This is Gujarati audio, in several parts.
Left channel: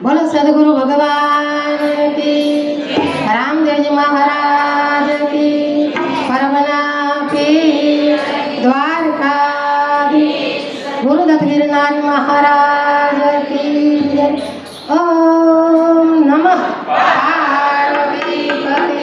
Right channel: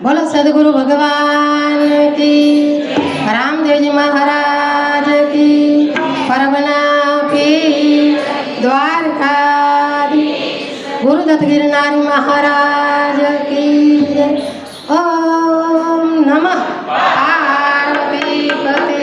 बोलो सदगुरु भगवान की, रामदेव जी महाराज की, परमना की, द्वारका गुरुदत्त गिरनारी महाराज की। ओम नमः पार्वती पते।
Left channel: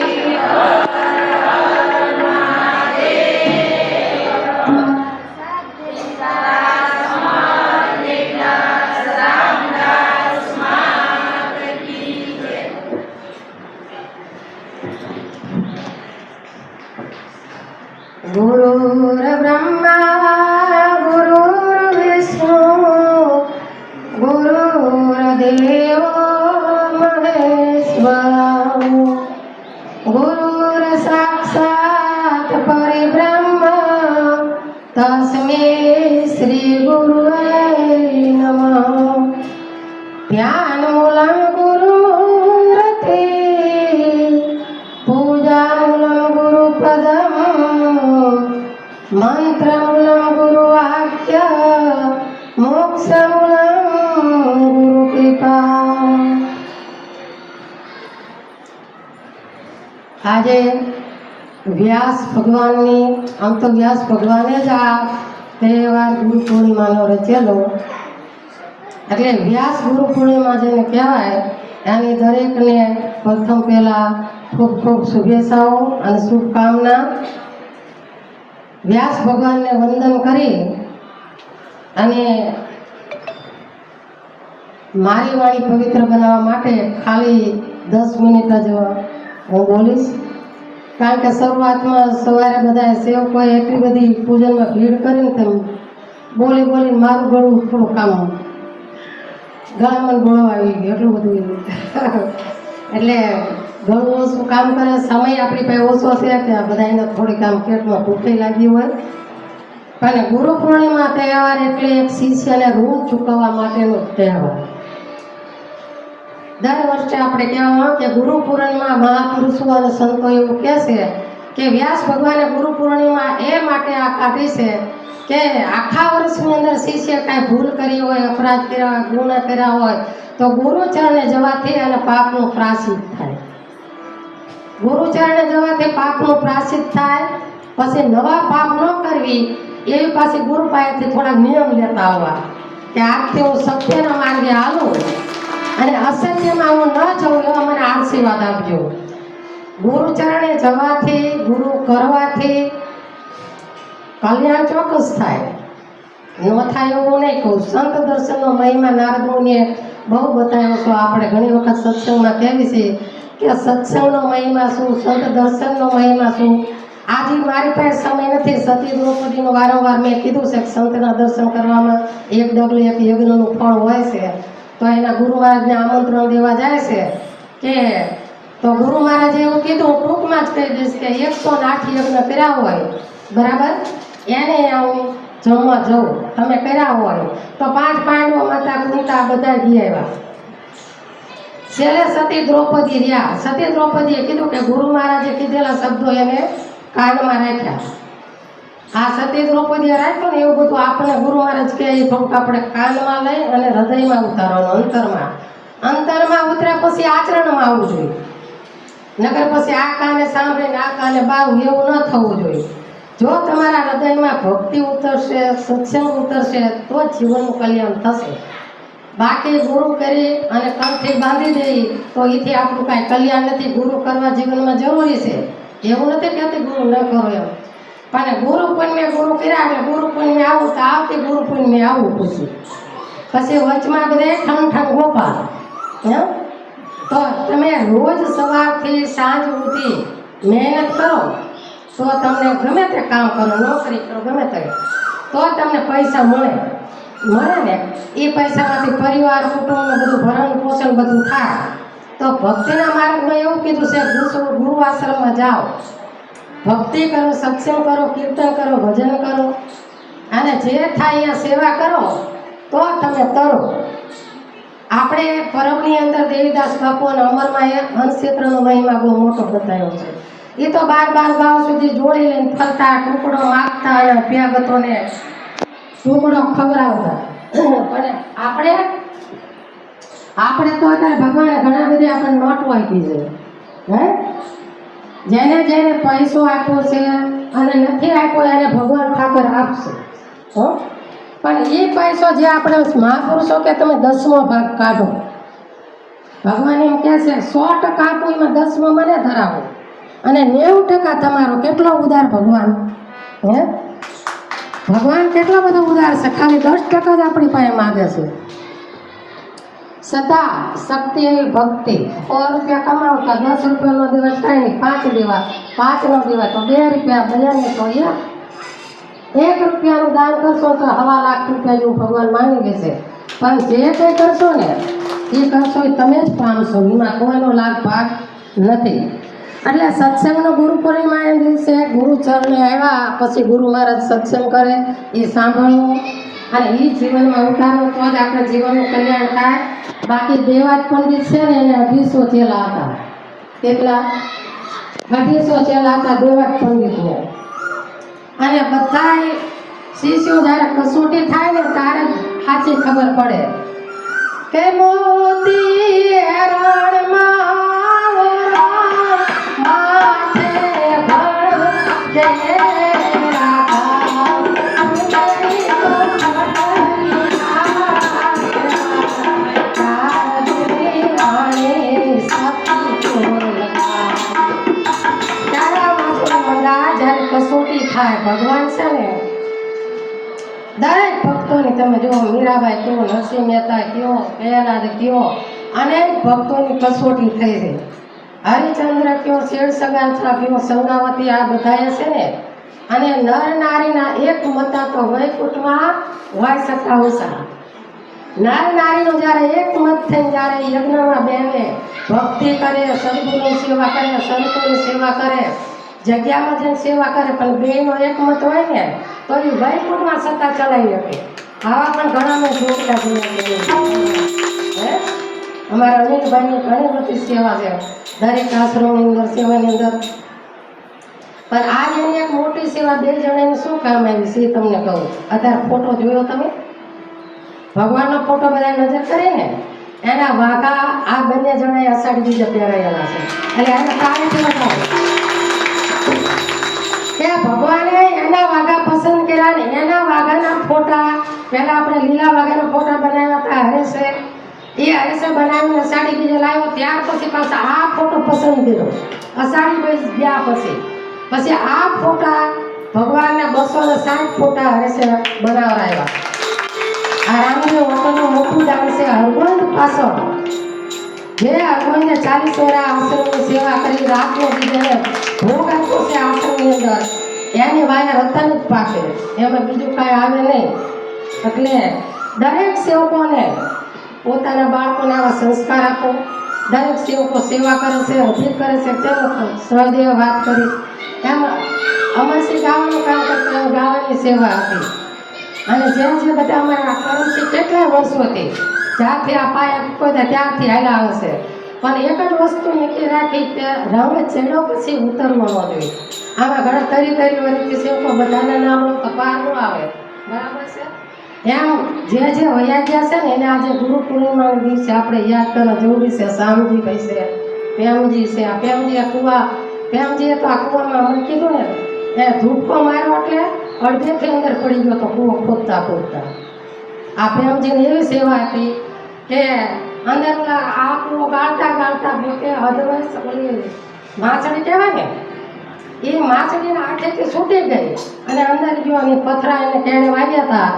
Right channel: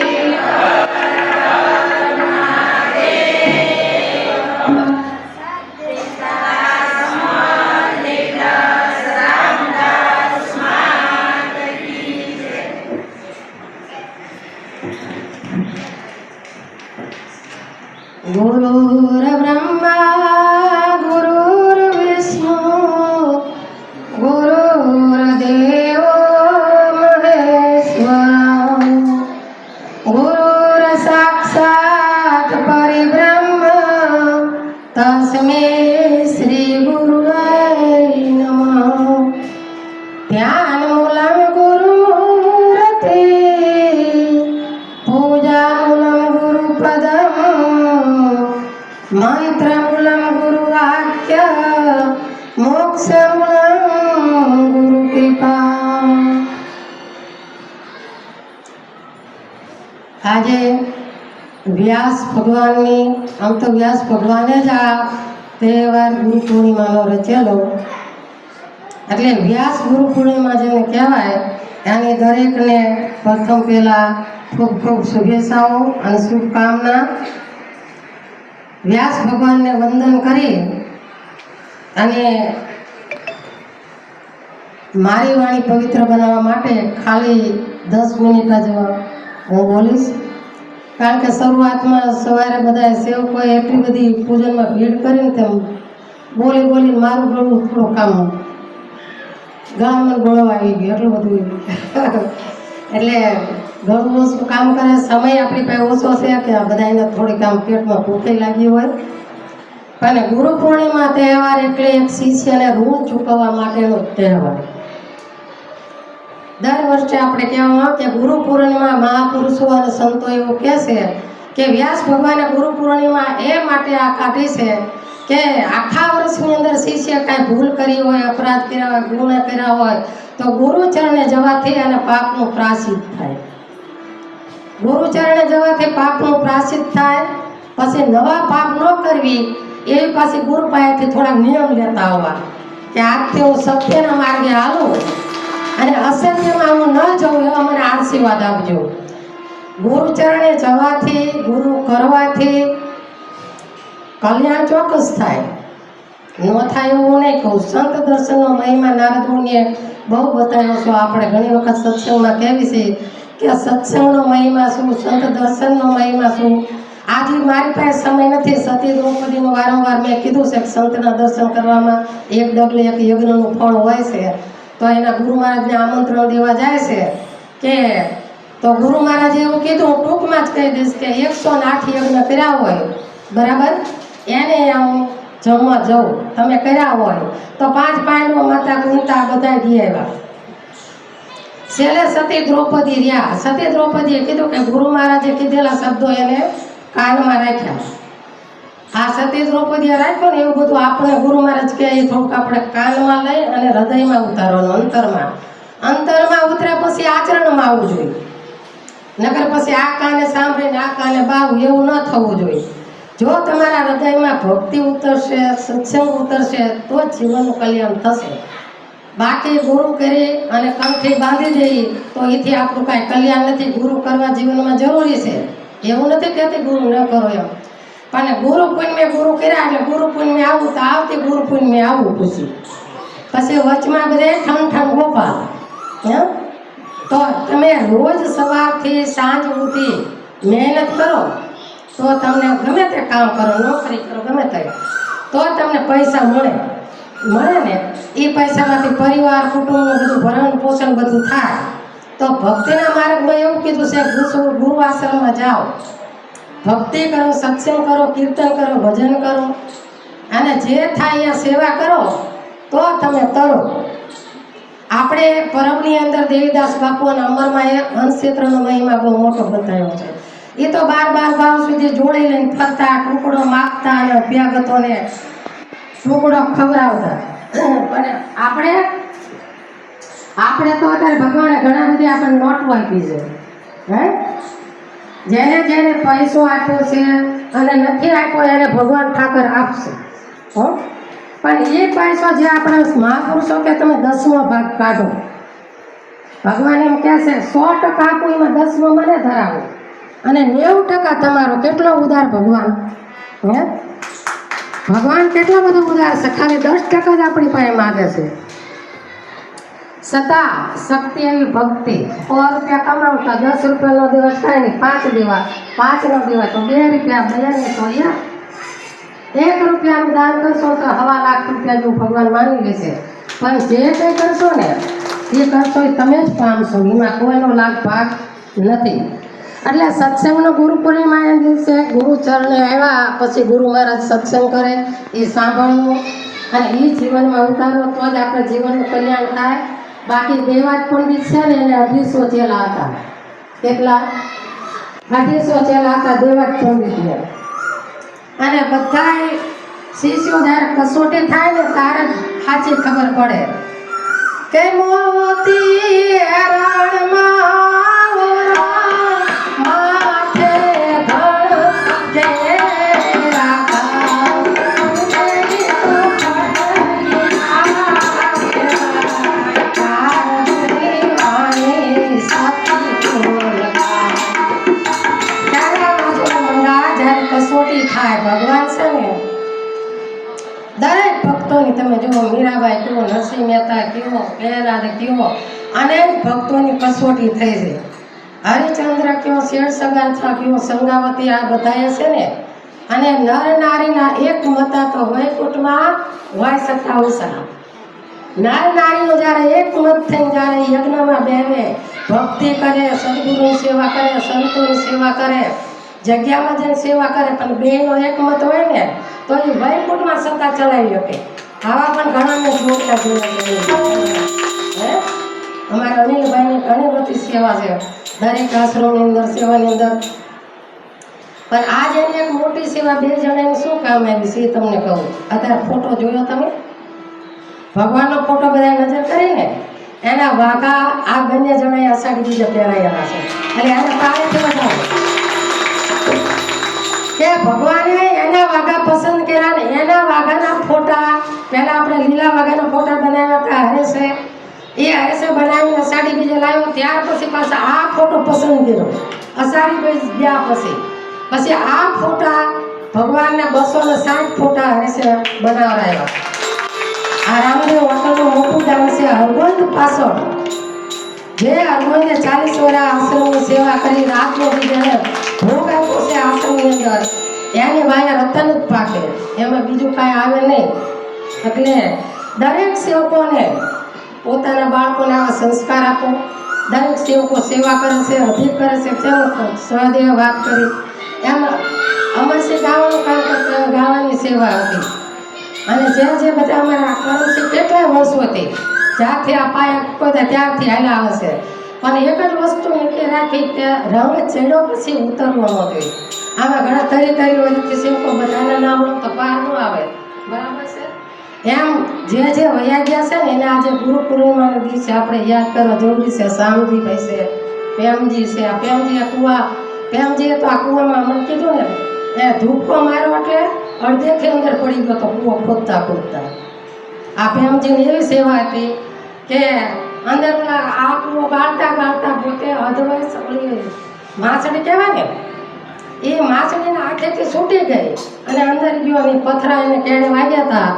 गुरुर्ब्रह्मा गुरुर्विष्णु गुरुर्देवो महेश्वर गुरुर्साक्षात् परब्रह्म तस्मै श्री गुरुवे नमः। ध्यानमूलं गुरुमूर्ते पूजामूलं गुरुपदम् मंत्रमूलं गुरुवाक्य मोक्षमूलं गुरुकृपा। આજે વ્યાસ ભગવાનની આમ તો વ્યાસ ભગવાને જ આ તહેવાર ગુરુ પૂર્ણિમાનો રચેલો, એટલે વ્યાસ ગુરુ પૂર્ણિમા જેને કહેવાય એની દરેકને પ્રથમ પહેલાં ખૂબ ખૂબ શુભેચ્છાઓ અને શુભકામના। વ્યાસ ભગવાનને વંદન કરી અને મારી વાણી પવિત્ર બનાવવા માટે ખાલી 10 મિનિટ જ હું બોલીશ, કારણ કે શરૂઆતમાં સવારે બધા સેવકોએ એટલી બધી પૂજનમાં ભીડ કરીને તેમ બોલી બોલીને મારું ગળું થોડું કામ ગળામાં ગળો આવી ગયો, એટલું બધું એટલે ઘણું ઓછું કામ કરે, સમય આપણી પાસે ઓછો છે કે આ બધાને થોડીક આમ પેટમાં ભૂખે લાગી હોય। પણ ગુરુ પૂર્ણિમા તહેવાર એટલે એક શિષ્યને ઋણ ચૂકવવા માટેનો તહેવાર। દર વર્ષે આપણે કહેવામાં કે ગુરુ પૂર્ણિમા મહાપુરુષો અને સંતો એવું કહે છે કે વ્યાસ ભગવાને ગુરુ પૂર્ણિમા એ માટે આ કાઢી છે કે આખા વર્ષની અંદર શિષ્ય કાંઈ ભૂલ કરી હોય, અપરાધ કર્યા હોય, ગુણ કર્યા હોય તો ગુરુચરણે જવાથી અને પાપનું પ્રાયશ્ચિત થાય। ગુરુચરણે જવાથી પાપનું પ્રાયશ્ચિત થાય, પછી નવા પાપ ન કરવી એવી પાછી ગુરુ પાસેથી થોડા નિયમ લેતા આવવા કે આજથી હું સત્યના માર્ગે હાલું અને અસત્યમાં હું ન જઉં એવા મને આશીર્વાદ આપજો। ગુરુચરણે જવાથી, ગુરુ કરવાથી કલ્યાણ ચોક્કસ થાય, ન થાય એવું નહીં કહું। સંત દર્શનનો મહિમા નારદ મુનિએ બહુ બતાવ્યો છે, આપણે ઘણી વખત સત્સંગમાં કહેવી છે કે સત્સંગનો મહિમા શું, સંત દર્શનનો મહિમા શું। આજે મારી પાસે સમય નથી, સતી દ્રૌપદીનું વારંવાર મેં કીધું છે કે સંતના દર્શન કરવામાં એક ડગલે એક યજ્ઞનું ફળ હોય છે, તો એના ગુરુ મહારાજને આમંત્રણ દેવા જાય છે કે તો ગુરુ મહારાજે એવું કીધું, હું ટૂંકમાં જ કહી દઈશ કે 108 યજ્ઞ કર્યા હોય બરાબર, એને હું જમવા જાઉં, તમે કર્યા હોય તો 5 પાંડવો માતા કુંતા બધા ગયા આવ્યા। છેલ્લે સતી દ્રૌપદી રહ્યા, સતી દ્રૌપદીએ કીધું કે ગુરુ મહારાજે કીધેલા શબ્દો એને કાનમાં રાખ્યા। આ સતી દ્રૌપદીએ રાખ્યો ને એવું બધું આપણે ગુરુ મહારાજ કહે એ થોડુંક આપણે કાનમાં લઈ અને હૃદયમાં ઉતારવાનું, અંતરમાં ઉતર્યા પછી આચરણમાં આવવું જોઈએ, નકર પછી આ કાને સાંભળીને આ કાને બાવું એવું ન થવું જોઈએ। જો તમારા હૃદયમાં ભક્તિ ઉતરશે, સત્સંગ ઉતરશે તો જીવનનું કલ્યાણ થશે। બાકી ગુરુ કરી અને કંઠી બાંધી દઈએ તો એથી આપણું કાંઈ કલ્યાણ નથી। ગુરુ કરવા જીવનમાં જરૂરી છે, એવું નથી કહેતી ગુરુ ન કરો એમ, પણ ગુરુ પૂનમે ગુરુ કર્યા એટલે ગુરુ પૂનમે આવું તો આવતી ગુરુ પૂનમે આવવું પછી વચમાં બધે ઠંડ ગોપાલ એમ। તો તમે રોજ સવારથી સાંજ સુધી મહેનત કરો તો તમને ગમે તે કામ કરો, નોકરી કરો, ગમે તે, તો તમને પૈસા મળે ને એ પૈસામાંથી પરિવાર, કુટુંબનું બધું ભરણ પોષણ બધું થાય। તો ભક્તિના માર્ગમાં એવું કીધું છે ગુરુ આશ્રમમાં જાઓ, ભક્તિ કરો, સત્સંગ કરો, કીર્તન કરો, ભજન કરો અને જે થાય અહીંયા સેવા કરો તો તમે તરો। આપણે પરમની અંદર દેવીદાસ બાપુ અને અમરમાં એ હંસક્ષેત્રનો મહિમા બહુ મોટો બતાવ્યો છે। એ તો 12 ગામ સુધી જોડી લઈને ફરતા, ટુકડો માગતા અને અભ્યાગતોને ટુકડો ખવડાવતા। પણ આપણે આપણે તો અત્યારે ભગવાને ઘણા બધી આપણને નોટો આપી છે, હે જેને જેને પૈસો આપ્યો છે અને નથી આપ્યો એને ભગવાન ઠાકર આપશે, હો. પણ એ પૈસો જે આપણા મહાપુરુષો કે તમે 10મો ભાગ કાઢો, ભગવાન એમ કહે છે 100% આપો એમાં 10મો મને ધરાવો અને 90% તમારો. કેટલો ઉદાર ભગવાન, હે ભગવાન કેટલો બધો ઉદાર છે, ખાલી 10% જ આપણી પાસે માગે છે. છતાં શક્તિ એવી ભક્તિ, 100 રૂપિયા કમાવતા 10 રૂપિયાનો દિવસ કાંઈ નહીં, 5 દેવા, 5નો દિવસ તો 2 રૂપિયા, 2 ને તો 1 રૂપિયાનું દાન કરશો તો 1.5 લાખ રૂપિયા જેવું ભગવાન માની લેશે. પણ જે કંઈ કરશો ને એ કરશો એ તમે જ પામશો, એમાં કોઈનો લાભ ભાગ નથી. એટલે સત્સંગનો ગુરુ પૂર્ણિમાના દિવસે ગુરુ ચરણે આવ્યા પછી ગુરુ મહારાજ સત્સંગ કરે એ સાંભળવું અને એ જીવનમાં ઉતારો તો જ આપણે જીવનનું કલ્યાણ થાય. બાકી દેવાજ પંડિત છે ને એને 250 ચેલા હતા. કેટલા? 250 ચેલા હતા દેવાજ પંડિતને. અને બધાય શિષ્યો જ્યારે કસોટી થાય ને ત્યારે જ સાચી ખબર પડે કે મોતી રણમાં માથે કસોટી થાય. ભગવાન છે ને દરેક ભક્તોની, તમે જુઓ મીરાબાઈ કયો, નરસિંહ મહેતા કયો, પ્રહલાદ કયો, અનેક ભક્તોની કસોટી થઈ છે. હરિચંદ્ર કયો, શેર સગાથા કયો, સંગાવતી, આ બધાએ છે ને. અને નર નારીના એક મતા તો વૈકુંઠમાં હોય શકતા ઓછા. નર નારીનો જ્યારે એક મત થઈને જ્યારે યજ્ઞમાં બેસે, ભક્તિ કરે, સદગુરુની સેવા કરે, સંતોની સેવા કરે, જગ્યામાં જઈને સેવા કરે, પણ બેનો એક મત હોય ને તો એ વૈકુંઠમાં સત્તા ચલાવી શકે. આવા પણ ઘણા મેં જોડતા જોયા. અમારા અનિલભાઈની ઘણી બધી સેવા છે દરેક આશ્રમની અંદર, સેવાની અંદર. પણ આજે એની એક મોટી સેવા 2 જણાની શું કામ આવી છે એ તમને કહું. અત્યારે ફોટો જોયો તમે? ભગવાનનો ફોટો બધા નજર કરીને એના વાઘા આ બંને જણાએ અષાઢી બીજે પહેરાયેલા છે. એટલે એને તાળીથી બતાવો કે ભગવાને એના વાઘા પસંદ કર્યા ને એના વાઘાના ફોટા. પહેલા આપણે લીલા વાઘાના ફોટા બનાવ્યા હતા હરેશે, એ હરેશે બનાવીને અષાઢી બીજે લાવ્યો. ત્યાર પછી પાછા આ ફોટો પસંદ કર્યો અષાઢી બીજ ગયા પછી આ ફોટા ભગવાનને 260 ફોટા હરેશે બનાવરાવ્યા. આ રામદેવ હોટલનું મોટું દાન છે હરગોંદ પાછળ, જે હરગોંદે 40 વર્ષ આશ્રમની સેવા કરી રાતનો બીજાને ભોગ આપ્યો છે આશ્રમની અંદર. એની વાય રતન જ પાકે, એમાં બીજું કાંઈ આવે નહીં. એટલે દરેક સેવકોને પોતાના બાળકોને આવા સંસ્કાર આપો. દરેક સેવકો સેવા કરે છે, અધિક કરે છે, કેવો સહદેવ વાત કરી એમ અમરસી ગાવાનું કામ કરતા ગાવાની સેવા હતી. અને જે બધા અમારા કરમસી કેટલાય વર્ષોથી જ્યારથી આ પાયા કોઈ ત્યારથી હાલ્યા આવે છે. પણ એક જ વસ્તુ નીકળી રાખી કે રંગ ચડ્યો પછી ઉતરવો ન જોઈએ. આમાં ઘણા તરી વર્ષથી સેવકો બધાના નામ લો તો પાર ન આવે, બરાબર છે? એમ જે વયા ગયા છે ને એને આજે ગુરુ પૂર્ણિમાના દિવસે આપણે યાદ કરવા જરૂરી છે. શામજીભાઈ છે, પ્રેમજી છે. આ પ્રેમજીએ પ્રેમજીએ તો આ કૂવામાં અમને કીધું ને એ ધૂપકો માર્યો એટલે અડધેથી અંદર પડી ગયો તો કૂવો ખોદતા. આ પ્રેમજીની એવી સેવા હતી કે અંદર આ કૂવો ગાળતા પોતે અધવયસ માછડી કહેવાય ને એ માછડીના આંખેથી છૂટી ગઈ અને અંદર ગયો અને પથરા એને કેળે વાગ્યા હતા.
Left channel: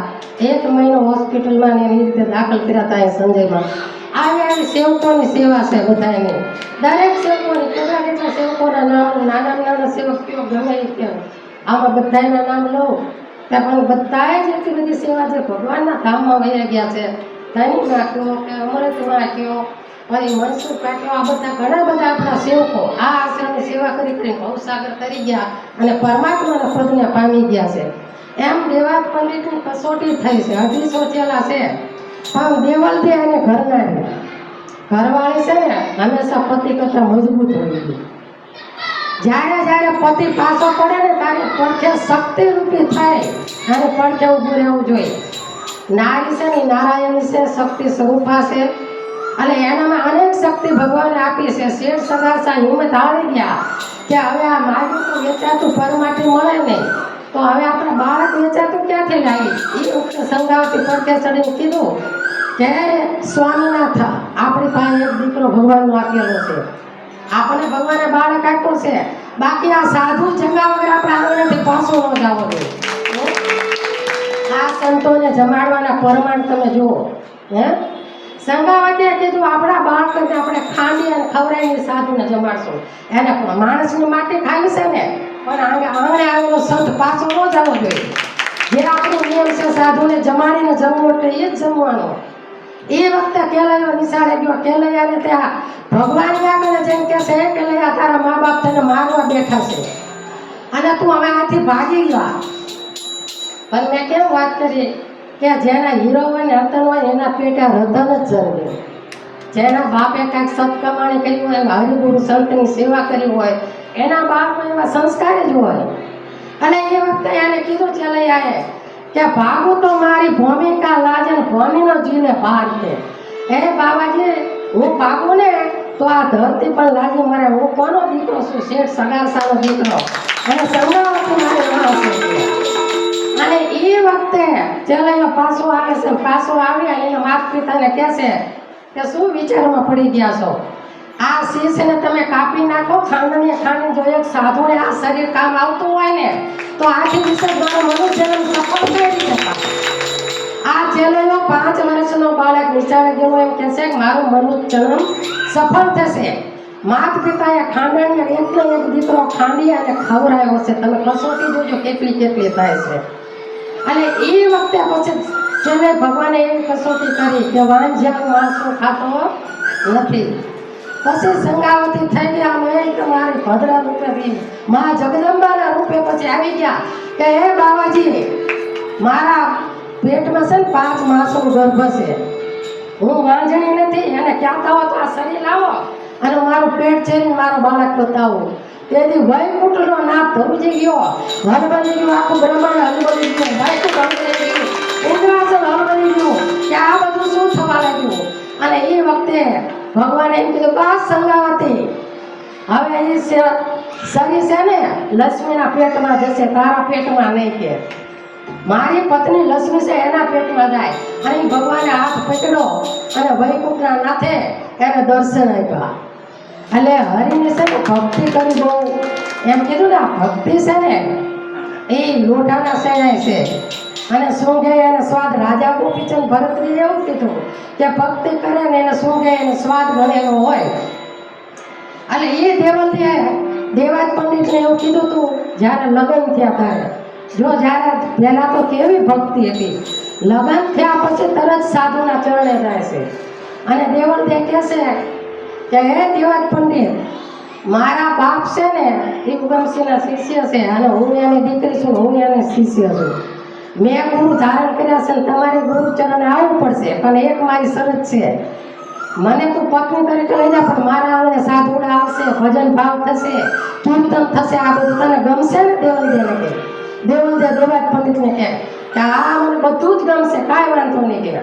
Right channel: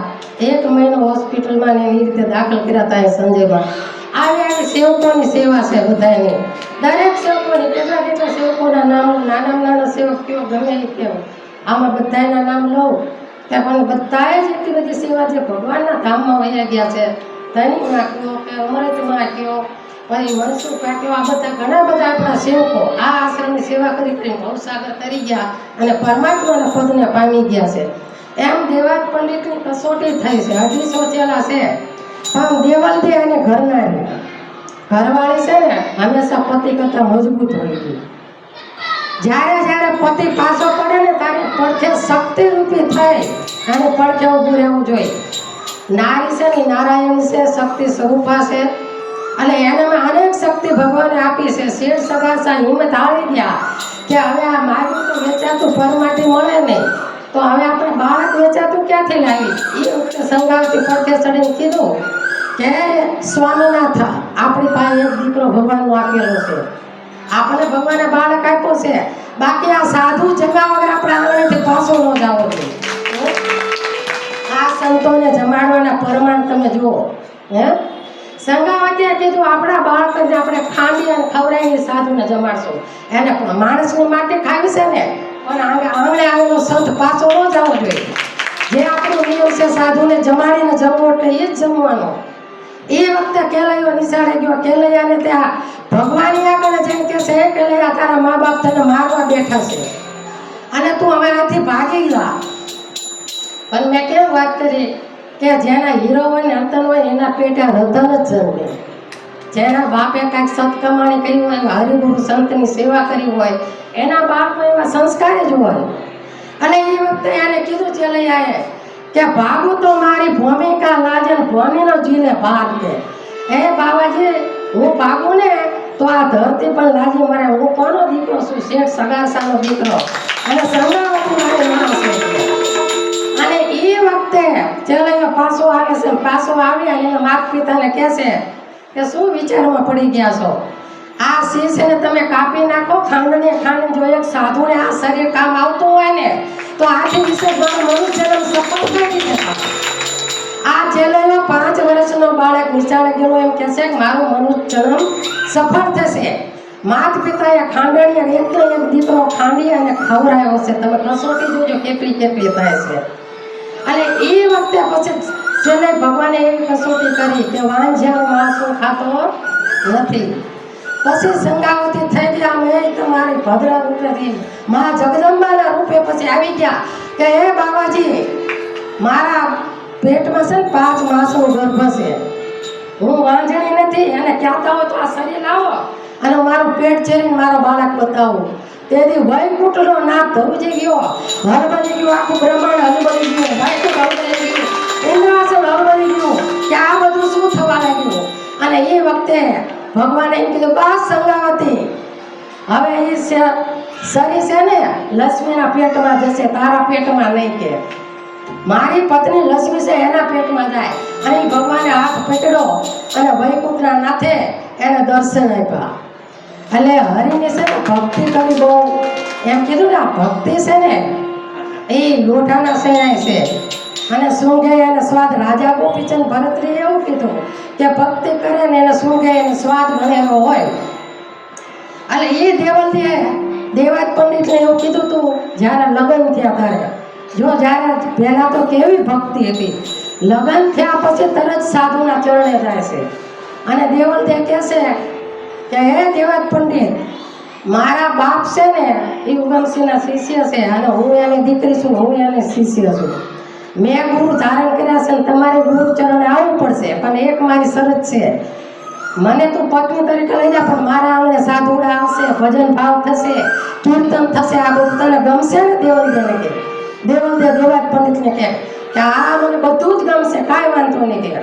1 મહિનો હોસ્પિટલમાં એની રીતે દાખલ કર્યા હતા. સંજયમાં આવી સેવકોની સેવા છે બધાની. દરેક સેવકોની કેટલા સેવકોના નામ, નાના સેવક કયો ગમે એ કયો, આમાં બધાના નામ લો ત્યાં પણ બધાએ જ એટલી બધી સેવા છે ભગવાનના ધામમાં વયા ગયા છે. ધનિકમાં કયો કે અમૃતમાં કયો, પછી મનસુખમાં કયો, આ બધા ઘણા બધા આપણા સેવકો આ આશ્રમની સેવા કરી ભવસાગર તરી ગયા અને પરમાત્માના પદને પામી ગયા છે. એમ દેવાજ પંડિતની કસોટી થઈ છે. 250 ચેલા છે પણ દેવલદે અને ઘરવાળી છે ને હંમેશા પતિ કરતાં મજબૂત હોય છે. જ્યારે પતિ પાછો પડે ને ત્યારે પડખે શક્તિરૂપી થાય અને પડખે ઊભું રહેવું જોઈએ. નારી છે ને નારાયણી છે, શક્તિ સ્વરૂપા છે. અને એનામાં અનેક શક્તિ ભગવાને આપી છે. શેર સગાસા હિંમત હારી ગયા કે હવે આ માગું તો વેચાતું પરમાટી મળે નહીં, તો હવે આપણે બાળક વેચાતું ક્યાંથી લાવી? એ વખતે સંગાવતી પડખે ચડીને કીધું કે સ્વામીનાથ, આપણી પાસે એક દીકરો ભગવાનનો આપેલો છે, આપણે ભગવાને બાળક આપ્યો છે, બાકી આ સાધુ જમા વગર આપણે આંગણેથી પાછો ન જાવો જોઈએ. આ સંતોને જમાડવાના પ્રમાણ તમે જુઓ. હે સંગાવતીએ કીધું આપણા બાળકને આપણે ખાંડી અને ખવડાવીને સાધુને જમાડશું. એને માણસની માટી ખાવી છે ને, પણ આંગણે આવેલો સંત પાછો ન જવો જોઈએ. જે આપણો નિયમ છે સાધુને જમાડીને જમવું એટલે એ જ જમવાનો. એ વખતે કેલૈયો નિશાળે ગયો. કેલૈયાને ત્યાં ભગવાન આગળ જઈને કહે છે, કેલૈયા તારા મા બાપ તને મારવા બેઠા છે અને તું હવે આથી ભાગી ગયા. પણ મેં કેમ વાત કરી કે જેના હીરો હોય ને રતન હોય એના પેટે રતન જ જન્મે. જેના બાપે કાંઈક સત્કમાણી કરી હોય, હરિગુરુ સંતની સેવા કરી હોય, એના બાપમાં એવા સંસ્કાર જ હોય. અને એ વખતે એને કીધું ચલૈયાએ કે ભાગું તો મારી ભૂમિકા લાજે, ભૂમિનો જીને ભાગ દે. હે બાબાજી, હું ભાગું ને તો આ ધરતી પણ લાજી મરે. હું કોનો દીકરો છું? શેઠ સગાસાનો દીકરો. એને સંગાવતી મારી માણસ છે. અને એ વખતે ચલૈયો પાછો આવે છે. પાછો આવ્યા એના માતા પિતાને કહે છે કે શું વિચારમાં પડી ગયા છો? આ શીશને તમે કાપી નાખો. ખાંડ જો એક સાધુને આ શરીર કામ આવતું હોય ને તો આથી વિશે મનુષ્યનો સફળ થઈ રીતે. આ ચલૈયો 5 વર્ષનો બાળક નિશાળે ગયો એમ કહે છે કે મારો મનુષ્ય જન્મ સફળ થશે. માતા પિતાએ ખાંડણીએ એકલો એક દીકરો ખાંડી અને ખવડાવ્યો છે. તમે કસોટી જોજો કેટલી કેટલી થાય છે. અને એ વખતે પછી છેલ્લે ભગવાને એવી કસોટી કરી કે વાંઝ્યા માણસો ખાતો નથી. પછી સંગાવતી થઈ ગયા. મેં તમારી ભદ્ર રૂપેથી મા જગદંબાના રૂપે પછી આવી ગયા કે હે બાબાજી, મારા પેટમાં છે ને 5 માસનો ગર્ભ છે. હું વાંઝણી નથી. એને કહેતા હો તો આ શરીર લાવો અને મારું પેટ છે ને મારો બાળક બતાવું. તેથી વૈકુંઠનો નાથ ધરુજી ગયો, હળબળી ગયો, આખું બ્રહ્માંડ હળબળી ગયું, વૈકુંઠ હળબળી ગયું, ઇન્દ્રાસન હળબળી ગયું કે આ બધું શું થવા લાગ્યું. અને એ વખતે ભગવાને એમ કીધું બસ સંગાવતી, હવે એ શરીર છે ને લક્ષ્મીના પેટમાં જશે, તારા પેટમાં નહીં. કે મારી પત્ની લક્ષ્મી છે એના પેટમાં જાય. અહીં ભગવાને હાથ પકડ્યો અને વૈકુંઠના નાથે એને દર્શન આપ્યા. એટલે હરિને છે ને ભક્તિ કરી બહુ એમ કીધું ને, આ ભક્તિ છે ને એ લોઢાના શેણાય છે અને સૂંઘે એને સ્વાદ. રાજા ગોપીચંદ ભરતરીએ એવું કીધું કે ભક્તિ કરે ને એને સૂંઘે એને સ્વાદ ગણેલો હોય. અને એ દેવાજ પંડિતને એવું કીધું હતું જ્યારે લગ્ન થયા ત્યારે. જો જ્યારે પહેલાં તો કેવી ભક્તિ હતી, લગ્ન થયા પછી તરત સાધુના ચરણે જાય છે. અને દેવલદેવ કહે છે કે હે દેવાજ પંડિત, મારા બાપ છે ને એ ઉગમસિંહના શિષ્ય છે અને હું એની દીકરી છું, હું એની શિષ્ય છું. મેં ગુરુ ધારણ કર્યા છે ને તમારે ગુરુ ચરણે આવવું પડશે. પણ એક મારી શરત છે, મને તું પત્ની તરીકે લઈ જા, પણ મારા આંગણે સાધુડા આવશે, ભજન ભાવ થશે, કીર્તન થશે. આ બધું તને ગમશે ને? દેવલદેવને કહે. દેવલદેવ દેવાજ પંડિતને કહે કે આ મને બધું જ ગમશે, કાંઈ વાંધો નહીં. કહે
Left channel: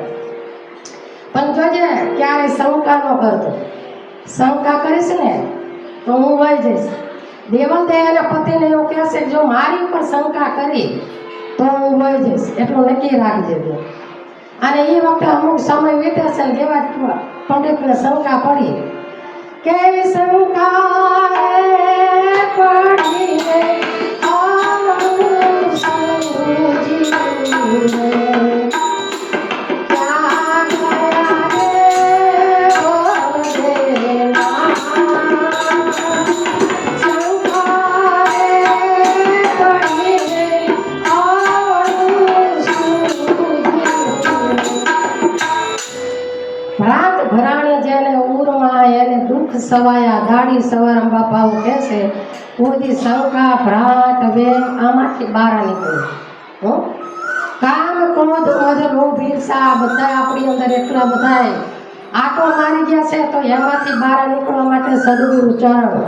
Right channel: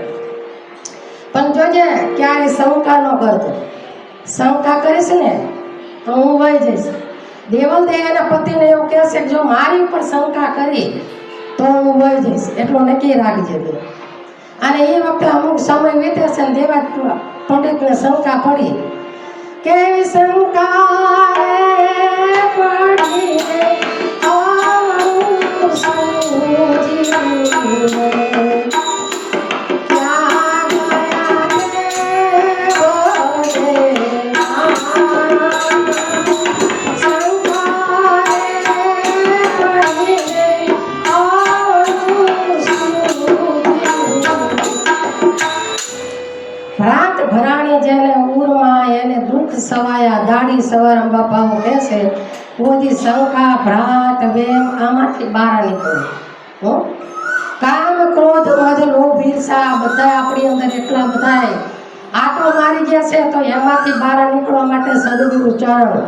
પણ જોજે ક્યારે શંકા ન કરતો. શંકા કરીશ ને તો હું વહી જઈશ. દેવલદેવ એના પતિને એવું કહેશે કે જો મારી ઉપર શંકા કરી તો હું વહી જઈશ, એટલું નક્કી રાખજે તું. અને એ વખતે અમુક સમય વીતે છે ને દેવાજ પંડિતને શંકા પડી. કેવી શંકા પડી સવાયા દાડી સવારમ બાપા કહે છે કોઈ શંકા ભ્રાત વેમ આમાંથી બહાર નીકળો. કામ ક્રોધ મધ લોભ ઈર્ષા બધા આપણી અંદર એટલા બધા આટો મારી ગયા છે. તો એમાંથી બહાર નીકળવા માટે સદગુરુ ચરણ,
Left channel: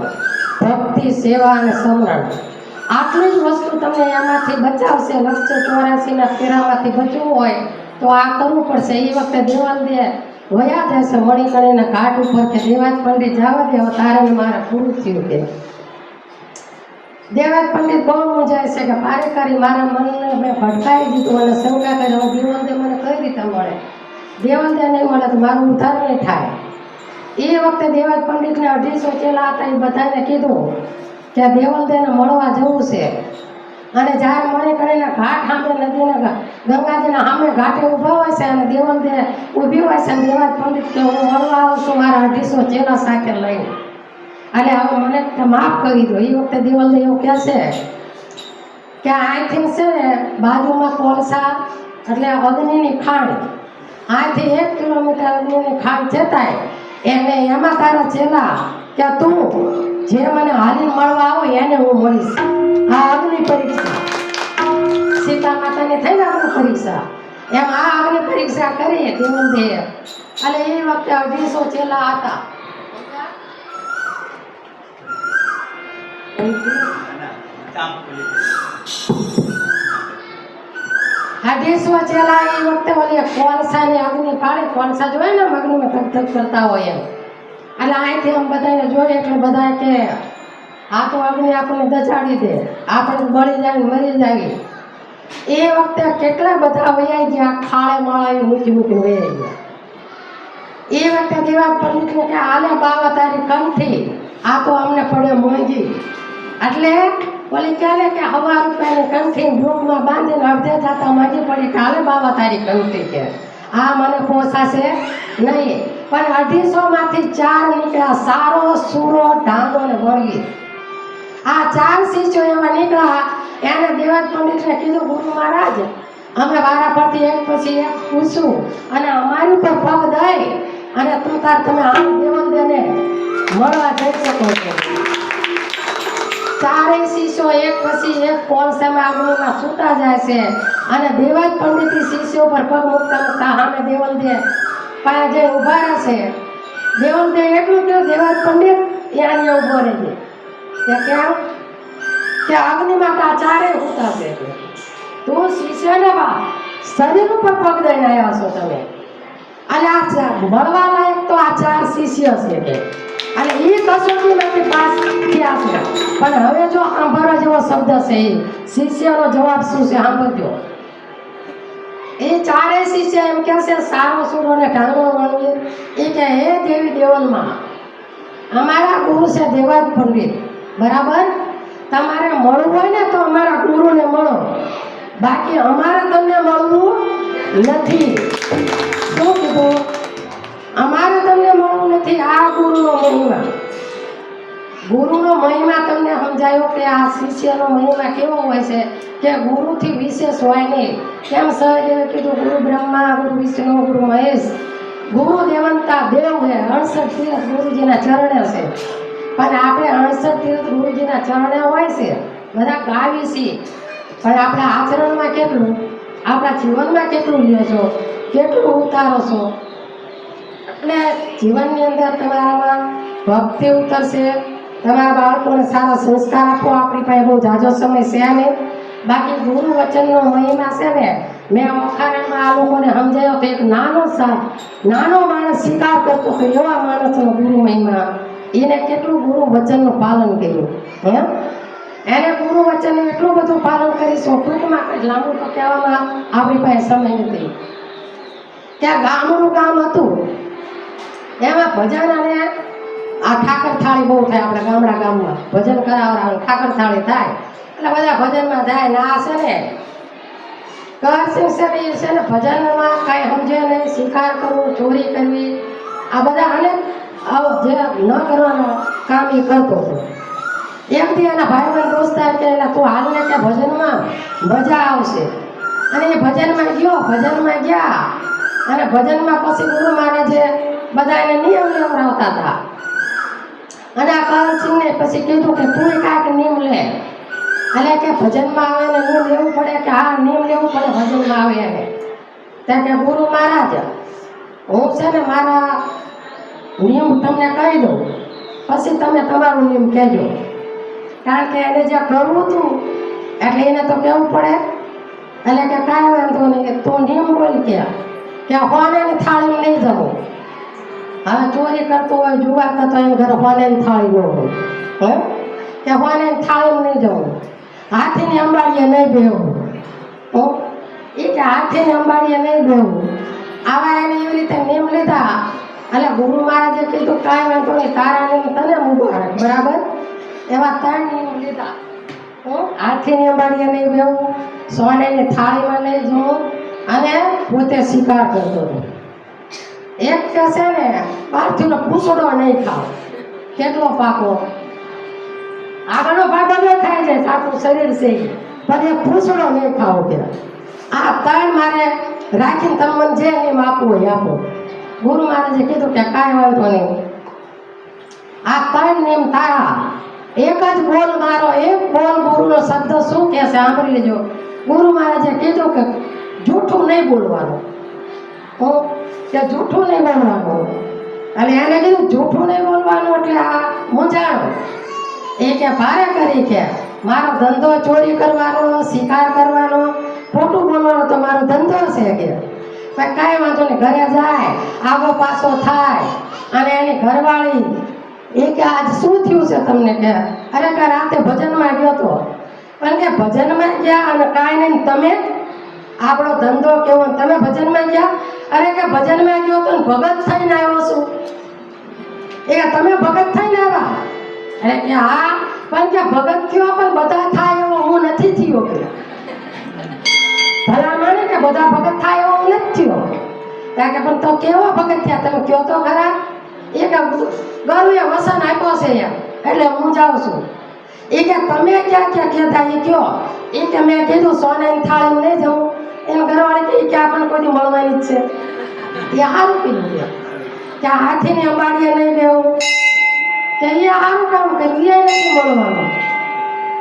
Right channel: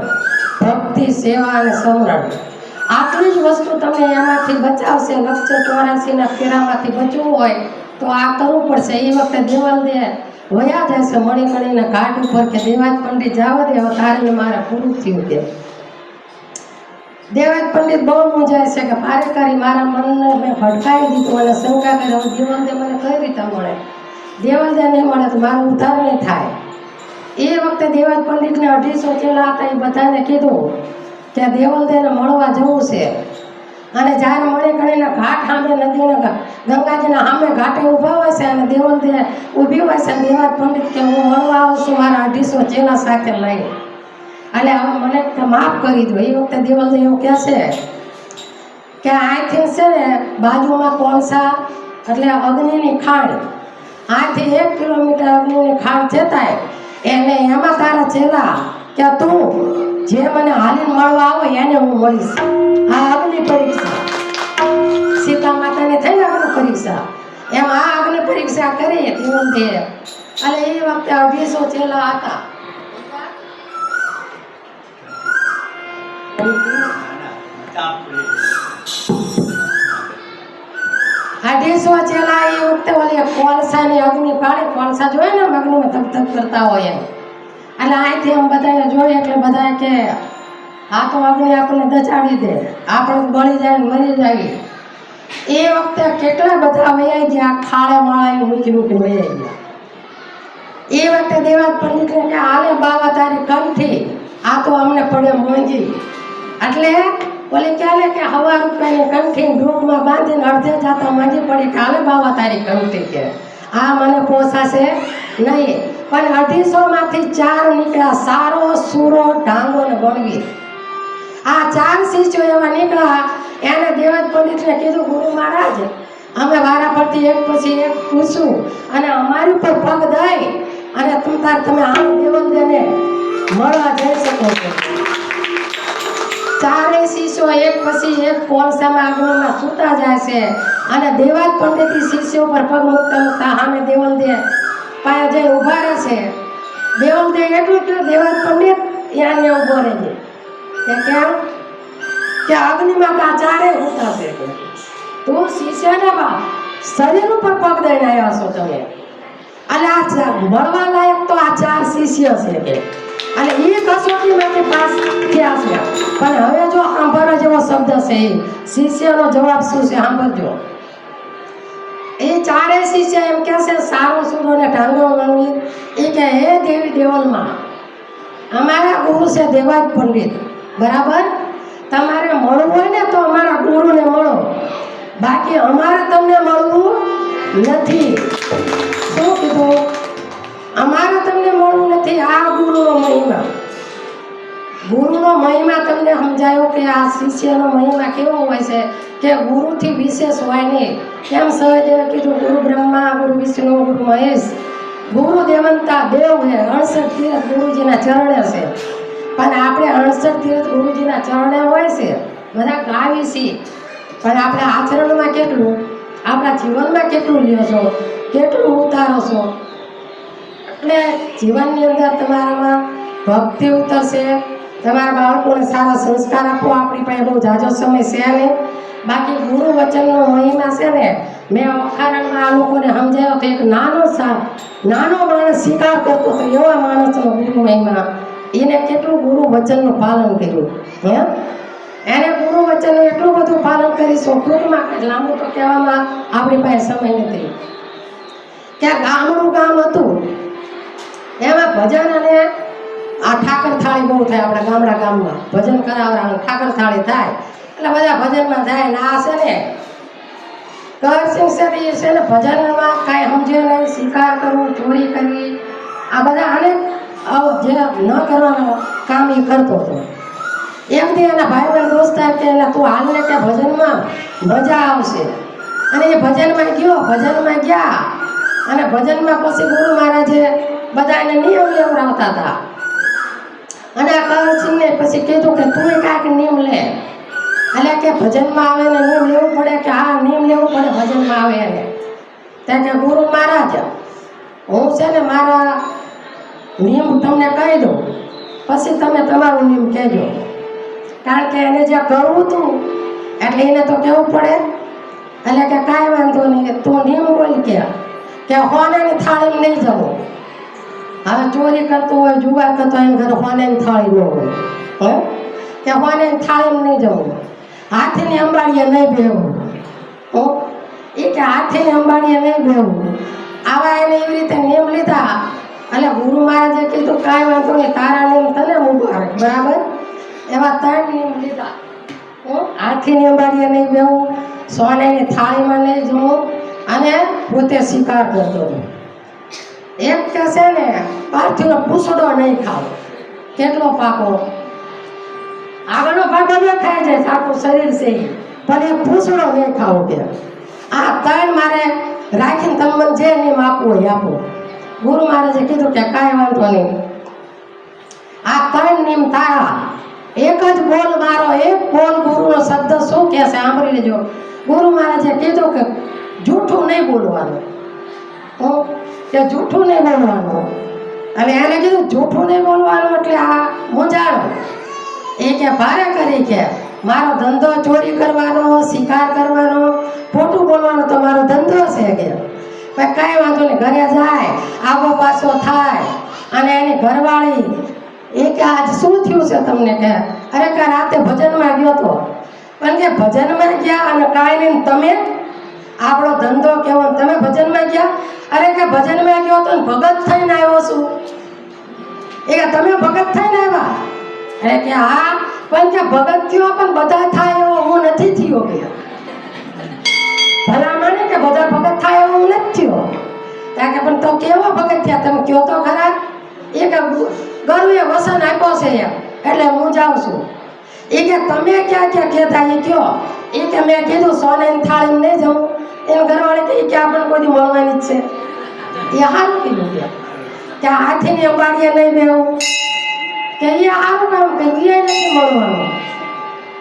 ભક્તિ, સેવા અને સમરણ, આટલી જ વસ્તુ તમને એમાંથી બચાવશે. લક્ષ્ય 84ના ફેરામાંથી બચવું હોય તો આ કરવું પડશે. એ વખતે દેવલદેવ વયા જાય છે મણિકર્ણીના ઘાટ ઉપર કે દેવાજ પંડિત જવા દે, તારે મારે પૂરું થયું કે. દેવાજ પંડિત બહુ મૂંઝાય છે કે પારેકારી મારા મનને મેં ભટકાવી દીધું અને શંકા કરે હવે દેવલદે મને કઈ રીતે મળે, દેવલદે નહીં મળે તો મારો ઉદ્ધાર નહીં થાય. એ વખતે દેવાજ પંડિતને 250 ચેલા હતા, એ બધાને કીધું કે દેવલદેને મળવા જવું છે. અને જ્યારે મણિકર્ણીના ઘાટ સામે નદીના ગંગાજીના સામે ઘાટે ઊભા હોય છે અને દેવલદે ઊભી હોય છે, દેવાજ પંડિત કે હું મળવા આવું છું મારા 250 ચેલા સાથે લઈને, એટલે હવે મને માફ કરી દો. એ વખતે દેવલદે એવું કહે છે કે અહીંથી છે ને બાજુમાં કોલસા એટલે અગ્નિની ખાણ, અહીંથી 1 કિલોમીટર અગ્નિની ખાણ જતાય એને એમાં તારા ચેલા કે તું જે મને હાલીને મળવા આવે એને હું મળીશ. આ અગ્નિ પરીક્ષા સીતા માતાની થઈ ને અગ્નિ પરીક્ષા, એમ આ અગ્નિ પરીક્ષા કરી દેવલદે. અને એ વખતે 250 ચેલા હતા. 250 ચેલા એ વખતે ઓલી કોલસાની અગ્નિ પાડે, કોલસા જોઈએ ને અગ્નિમાં ધક ધક કરતા હોય એમ, એટલે અહીંથી એમ બધાને જોઈએ એટલે બધા કે આ તો અગ્નિ આપણને દચાડી દે, આપણે બળી જાય મરી જાય. એ વખતે કેટલા બધા વૈયા ગયા, ખાડે માળા મૂકી મૂકી વૈયા ગયા. એ વખતે દેવાજ પંડિતને કે આલે બાવા તારી કંઠી, આ તો અમને પડે મોંઘી. એટલે બોલે ક્યારે કે 1,000 રૂપિયાની કંઠી ડૂબમાં બાંધીને અડધે જાતા માંગી પડી કે હાલે બાવા તારી કંઠી કે આ મને પોસાશે નહીં. પણ 250 માંથી 4 નીકળ્યા, સારો, સૂરો, ઢાંગો ને બળગી. આ 4 શિષ્યો એવા નીકળ્યા. એને દેવાજ પંડિતને કીધું ગુરુ મહારાજ અમે વારા પરથી એક પછી એક પૂછું અને અમારી ઉપર પગ દઈ અને તમે આ દેવલદેને મળવા જઈ શકો છો. 4 શિષ્યો એક પછી એક કોલસામાં આગળમાં છૂટા જાય છે અને દેવાજ પંડિત શિષ્યો પર પગ મૂકતા મૂકતા સામે દેવલદે પાસે જઈ ઊભા રહે છે. દેવલદે એટલું કહ્યું દેવાજ પંડિત યાને ઊભો રહેજે કે કેમ કે અગ્નિમાં આ 4 હોતા છે કે તું શિષ્યના શરીર ઉપર પગ દઈને આવ્યા છો તમે, અને આ મળવા લાયક તો આ 4 શિષ્ય છે કે અને એ કસોટીમાંથી પાસ થયા છે. પણ હવે જો સાંભળવા જેવો શબ્દ છે એ શિષ્યનો જવાબ શું છે સાંભળજો. એ 4 શિષ્ય એમ કહે છે સારો સૂરો ને ઢાંગો વાળું એ કે હે દેવી દેવલમાં અમારા ગુરુ છે દેવાજ પંડિત, બરાબર? તમારે મળવું હોય ને તો અમારા ગુરુને મળો, બાકી અમારે તમને મળવું નથી. શું કીધું? અમારે તમને મળવું નથી. આ ગુરુનો મહિમા, ગુરુનો મહિમા તમને સમજાયો કે આ શિષ્યનો મહિમા કેવો હોય છે કે ગુરુથી વિશેષ હોય નહીં. કેમ સહદેવે કીધું ગુરુ બ્રહ્મા, ગુરુ વિષ્ણુ, ગુરુ મહેશ, ગુરુ દેવંતા દેવ હે. 68 તીર્થ ગુરુજીના ચરણે છે, પણ આપણે 68 તીર્થ ગુરુજીના ચરણે હોય છે, બધા ગાવી છીએ, પણ આપણે આચરણમાં કેટલું, આપણા જીવનમાં કેટલું લ્યો છો, કેટલું ઉતારો છો. એટલે જીવનની અંદર તમારામાં ભક્તિ ઉતરશે, તમારા બાળકોને સારા સંસ્કાર આપો. આપણી પાસે બહુ ઝાઝો સમય છે નહીં, બાકી ગુરુ વચનનો મહિમા છે ને મેં વખારણમાં આ લોકોને સમજાયો તો એક નાનો માણસ સ્વીકાર કરતો તો એવા માણસનો ગુરુ મહિમા, એને કેટલું ગુરુ વચનનું પાલન કર્યું હે. એને ગુરુ વચનનું એટલું બધું પાલન કરીશું ટૂંકમાં, લાંબુ તો કહેવામાં આપણી પાસે સમય નથી. કે ગામનું ગામ હતું એમાં ભજન અને આ ઠાકર થાળી બહુ થાય. આપણે ગામડા ગામમાં ભજન કરાવવાનું ઠાકર થાળી થાય એટલે બધા ભજનમાં જાય ને આ છે ને કરસિંહ છે ને ભજનમાં કાંઈ સમજે નહીં, શિકાર કરવું, ચોરી કરવી, આ બધા અનેક જે ન કરવાનો કામ એ કરતો હતો. એક દી એના ભાઈબંધ દોસ્તાર કે તું હાલને કે ભજનમાં મજા આવશે, અને એ ભજનમાં ગયા અને ભજનમાં પછી ગુરુ મહારાજે બધા એને નિયમ લેવડાવતા હતા. અને આ કરસિંહને પછી કીધું કે તું કાંઈક નિયમ લે, એટલે કે ભજનમાં આવે ને નિયમ લેવું પડે કે હા નિયમ લેવું પડે ભજનમાં આવે એને. ત્યાં કે ગુરુ મહારાજ હું છે ને મારા નિયમ તમને કહી દઉં, પછી તમે તમારું નિયમ કહેજો. કારણ કે એને જે કરવું હતું એટલે એને તો કહેવું પડે. એટલે કે કાંઈ વાંધો નહીં, તું નિયમ બોલ કે હોનાની થાળીમાં નહીં જવું, હવે ચોરી કરતો હોય, જુગાર કરતો હોય, ઘરે હોને થાળી ન હોય, હે કે હોને થાળી નહીં જવું, હાથીની અંબાડીએ નહીં બેવું, એ કે હાથીની અંબાડીએ નહીં બેવું. આવા એને એવી રીતે નિયમ લીધા. એટલે ગુરુ મહારાજે કીધું કાંઈ વાંધો નહીં, તારા નિયમ તને મુબારક, બરાબર. એવા 3 નિયમ લીધા. હાથીની અંબાડીએ નહીં બેવું, સોનેની થાળીમાં નહીં જવું, અને પોતે શિકાર કરતો. એક કે છે ને પાર્થિવનો પૂછડો નહીં ખાવ. કેટલો પાકો આગળનો ભાગ ન ખાઈ જાય, આખું શરીર છે પણ એ પૂછડો નહીં ખાવો કે. આ 3 મારે રાખીને તમે મને જે નિયમ આપવું હોય આપો. ગુરુ મહારાજે કીધું કે કાંઈ વાંધો નહીં, આ 3 નિયમ તારા. એક જ બોલ મારો, એક બોલ ગુરુનો શબ્દ શું કહે છે સાંભળી લેજો. ગુરુ મહારાજે કીધું કે જૂઠું નહીં બોલવાનું, કે જૂઠું નહીં બોલવાનું. અને એને કીધું જૂઠું નહીં બોલવાનું એટલે આ મૂંઝાણો. એ કે ભારે કરી કે મારો ધંધો ચોરી કરવાનો, શિકાર કરવાનો, ખોટું બોલવાનું તો મારો ધંધો છે કે. ભાઈ કાંઈ વાંધો નહીં, ઘરે જાય, આગો પાછો થાય. અને એની ઘરવાળી એ કે આજ શું થયું છે તમને કે અરે કે રાતે ભજનમાં ગયો તો. પણ કે ભજનમાં ગયા અને કાંઈ નહીં, તમે આપણો ધંધો કેવો, તમે ભજનમાં ગયા. અરે કે ભજનમાં ગયો તો ભગત થઈને આવ્યો છું. એ કે તમે ભગત થઈને આવ્યા. અરે કે હા, પણ કે ભગત થયો પણ બધા થાય એવો હું નથી થયો કે. ભલા મને કે બધા ભગત થાય એવો હું નથી થયો. ત્યાં કે પણ તો કેવો ભગત થયા તમે કયો તો ખરા. એ કે ગરુએ વસન આપ્યો છે એમ, એટલે હું જાઉં છું. એ કે તમે ક્યાં ક્યાં કહેતા એ કયો. એ કે મેં કીધું સોનેની થાળી નહીં જવું. એને ઘરવાળી કે આપણને કોઈ મળવાની જ છે. એ સારું કીધું કે હાથીની અંબાડીએ નહીં બેવું, કે એ સારું કામ કર્યું, એ નથી મળવાનું.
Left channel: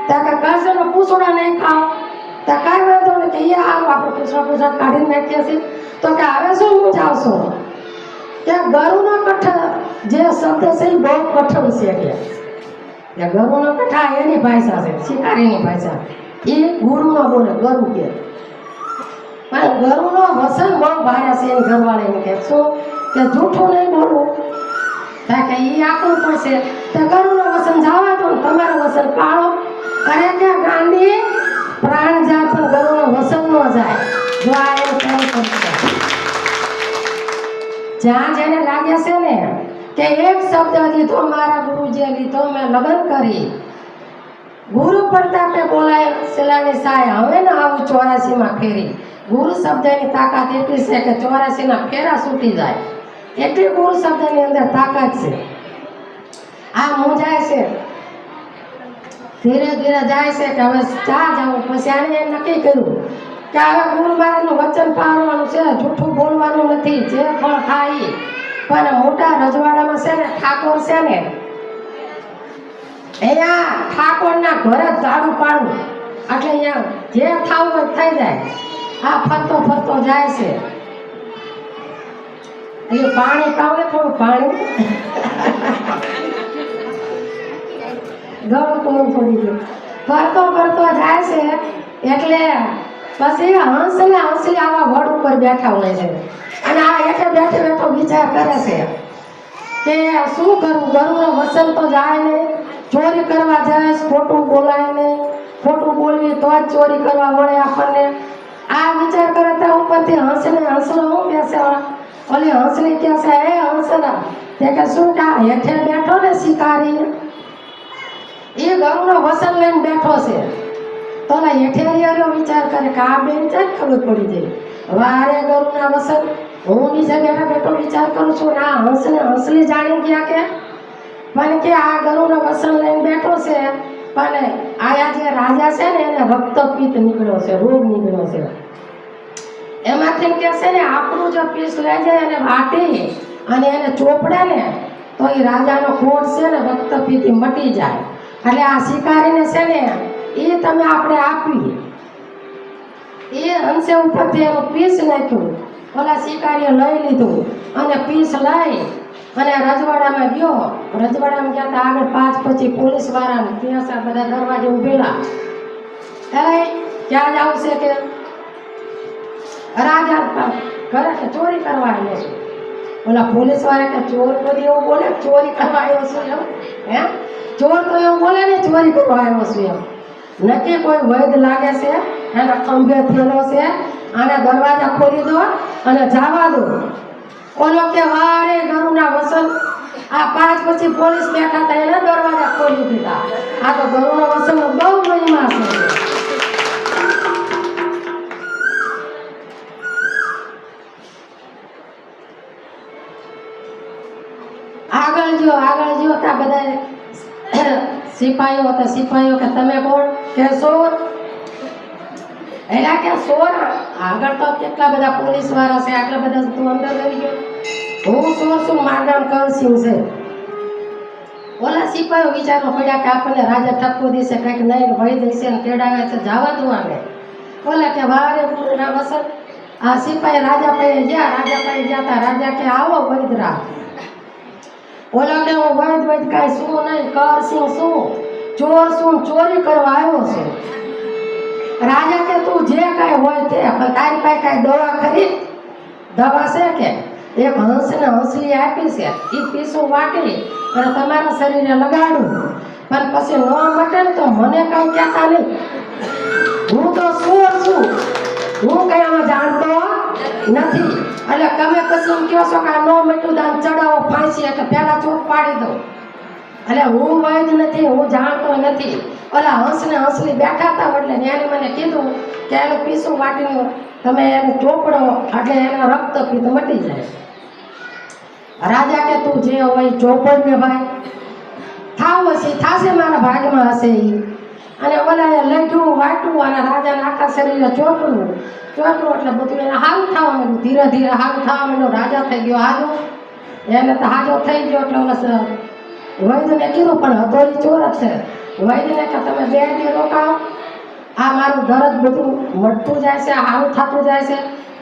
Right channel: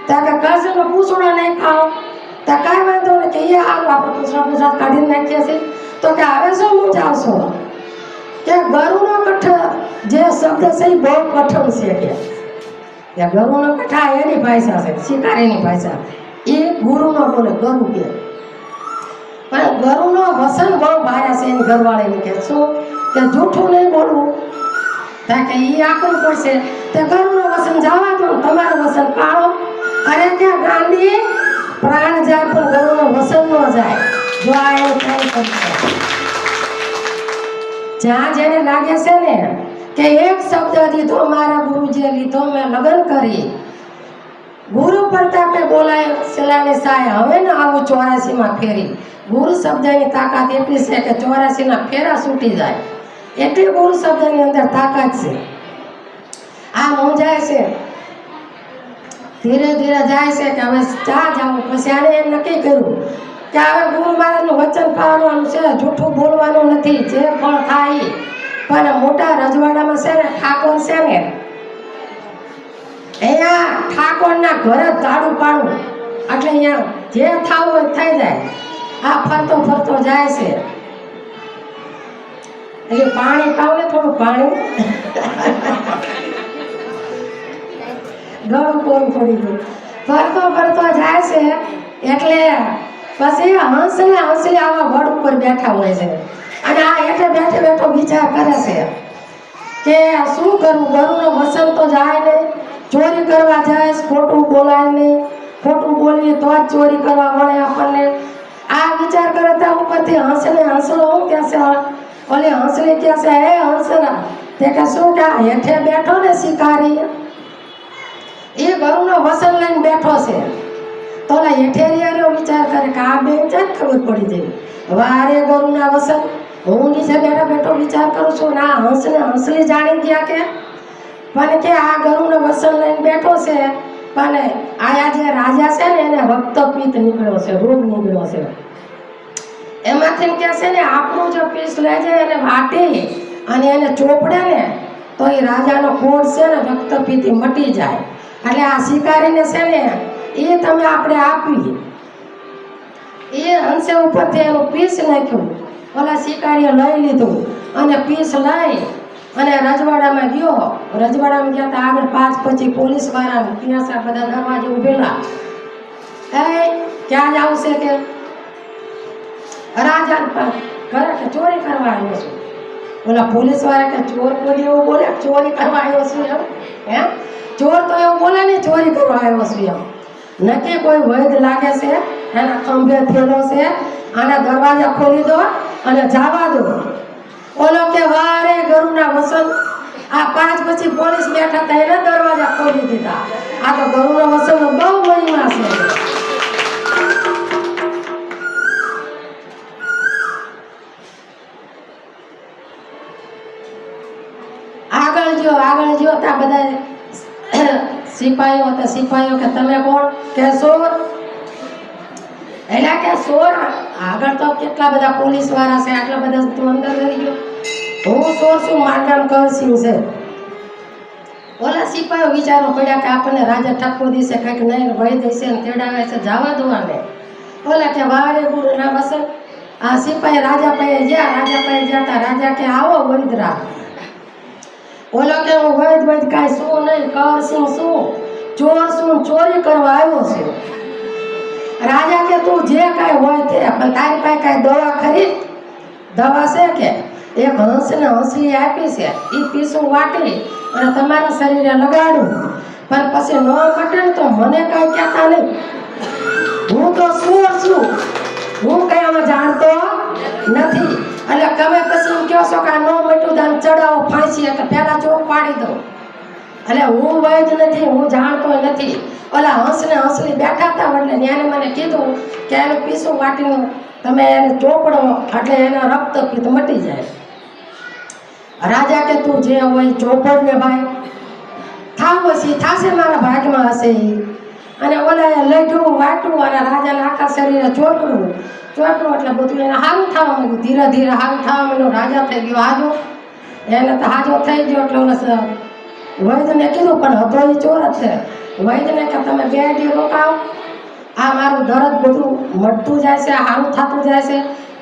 ત્યાં કે ઘરનો પૂછડો નહીં ખાઓ. ત્યાં કાંઈ વાંધો નહીં, કે એ સારું આપણે પૂછડો કાઢીને નાખીએ છીએ. તો કે હવે શું હું જાઉં છું કે ગરુનો કઠ જે શબ્દ છે એ બહુ કઠણ છે કે ગરુનો કઠા એની ભાષા છે, શિકારીની ભાષા. એ ગુરુનો બોલે ગરુ કે. પણ ગરુનો વસન બહુ ભારે છે એની ઘરવાળીને કે શું કે જૂઠું નહીં બોલવું. ત્યાં કે એ આકરું પડશે. તે ગરુનો વસન જવા દો, તમારું વસન પાળો. અરે કે ગાંધી પ્રાણ જાય પણ ગરુનો વસન ન જાય. જો આ એવું કઈ કરશે જ્યાં જેને લાગે છે ને કે એક શબ્દ લીધો મારા ગુરુજીએ લીધો, મેં લગ્ન કરી, ગુરુ પ્રતાપે બોલાય શિલાની સાય, હવે ને આવું 84માં ફેરી. ગુરુ શબ્દની તાકાત એટલી છે કે 84ના ફેરા છૂટી જાય. એટલી ગુરુ શબ્દની અંદર તાકાત છે. આ મૂંઝાય છે, ધીરે ધીરે જાય છે કે હવે ચા જાવું. પછી આને એમ નક્કી કર્યું કે હવે ગુરુ મહારાજનું વચન પાળવાનું છે, જૂઠું બોલવાનું નથી, જે ફળ થાય. પણ મોટા રજવાડામાં છે ને ઠાકોર છે ને, અહીંયા ઠાકોરના ઘરે ઝાડું પાડવું એટલે અહીંયા જે થવું હોય થઈ જાય. આ ફરતો ફરતો જાય છે એટલે પાણી પાવ ને થોડું પાણી ગળું કોરું પડી ગયું. ફરતો ફરતો જાય છે એટલે પછી હંસલી આવા વડ ઉપર બેઠા હોય છે. અને આ એટલે બેઠે બેઠો વિચાર કરે છે કે શું કરું, ગરુનો વસન તો જાય નહીં, ચોરી કરવા જાય, ખોટું બોલાય નહીં, ખોટું બોલીએ તો જ ચોરી કરવા મળે આપણને. આ વિચાર કરે ત્યાં ઉપરથી હંસલો શું કહે છે, ઓલી હંસલી કહે છે હે હંસલા, તે કે શું કે હેઠે બેઠો ને શિકારી એ ગરુનો વસન લઈને બેઠો છે. તો ઓલા હેઠેરિયાનો વિચાર કરે કે આ બેન જ ખબર પડી જાય. વારે ગરુના વસન હું નીચે બેઠા બેઠો વિચાર કરું છું ને આ હંસલી જાણી ગયા કે મને કે આ ગરુનો વસન લઈને બેઠો છે. પણ આયા જે રાજા છે ને એને રક્તપિત્ત નીકળ્યો છે, રોગ નીકળ્યો છે. એમાંથી કે છે ને આપણું જો પીસ લઈ જાય અને વાટી અને એને ચોપડે ને તો એ રાજાનો કોડ છે ને રક્તપિત્ત મટી જાય. એટલે આ શિકારીને છે ને એ તમે આપણે આપી. એ હંસે ઉપરથી એનું પીસ નાખ્યું, ઓલા શિકારીએ લઈ લીધું અને પીસ લઈ અને રજવાડામાં ગયો. રજવાડામાં ગયા તો આગળ 5-25 પોલીસ વાળા ત્યાં બધા દરવાજે ઉભેલા. ક્યાં જવું છે કે રાજા ઘરે ચોરી કરવા આવ્યો છું. ઓલા પોલીસ વાળા કે ચોર કોઈ એવું બોલે ચોરી કરવા આવ્યો છું એમ હે ચોર તો એવું બોલે ને ચોરી કરવા આવ્યો છું એમ નથી કોઈ વૈદ લાગે છે એના ખંભે થયેલો છે આના દરવાજા ખોલી દો અને જવા દો ઓલો કે વારે ગરુના વસન આ 5 પછી પોલીસ બેઠા હતા એને દરવાજા ખોલી દીધા આ તો ગરુના વસનમાં બહુ મહિમા છે આગળ જો તા બધા સિપાહીઓ કે તમે કોણ કે સોર એલા કે સોર આગળ તો કેટલા બધા પોલીસ વાળા છે આટલા બધા તું અંદર રહી ગયો હું સોર છું મારું નામ કરસિંહ છે ઓલા સિપાહીઓ વિચારો પડ્યા કે આપણને રાજા ઠપકો દેશે કંઈક નહીં ભય દેશે ને તેડાવે છે જવા દો આને ઓલા કે વારે ગુરુના વસન આ સિપાહી રાજા પાસે ગયા તા રાજા કે આવો વૈદરા ઓલો કે હું વૈદ કાંઈ શું નહીં કરસિંહ શું ચોર શું ચોરી કરવા આવ્યો છે રાજા કે તું જે કાંઈ હોય તે પણ તારી પાસે કાંઈ દવા ખરી દવા છે કે એક હંસને હંસલી આપી છે એ પીસું વાટી અને તમારા શરીરે લગાડું પણ પછી ન મટે ને તો મને કાંઈ કહેતા નહીં હું તો ચોર છું હું કંઈ હવે જાણતો નથી એટલે તમે પછી એમ કહો છો કે આ ન મટ્યું દાન ચડાવો ફાંસી એટલે પહેલા ચોક પાડી દો એટલે હું વૈદ નથી હું જાણતો નથી ઓલા હંસને હંસલી બેઠા હતા એટલે ન્યાને મને કીધું કે એનું પીસું વાટીનું તમે એને ચોપડો એટલે એના રક્તપિત્ત મટી જાય રાજા કે તું જે હોય ચોપડ ને ભાઈ થાવ હશે થાશે મારા ભાગમાં હશે અને ઓલા લઈઢું વાટું અને રાજાના આખા શરીરે ચોટવું એટલે બધું એને હારું થવા માંડ્યું ધીરે ધીરે હારું થવા માંડ્યું રાજા થઈ ગયો હાજો એને તો હાજો થઈ ગયો એટલે ઓલા વૈદ્યને કીધું પણ હતો એ ચોર જ છે વૈદ્યને કે તમે 2 દી રોકાવો આ મારું દર્દ બધું મટતું જાય છે હારું થતું જાય છે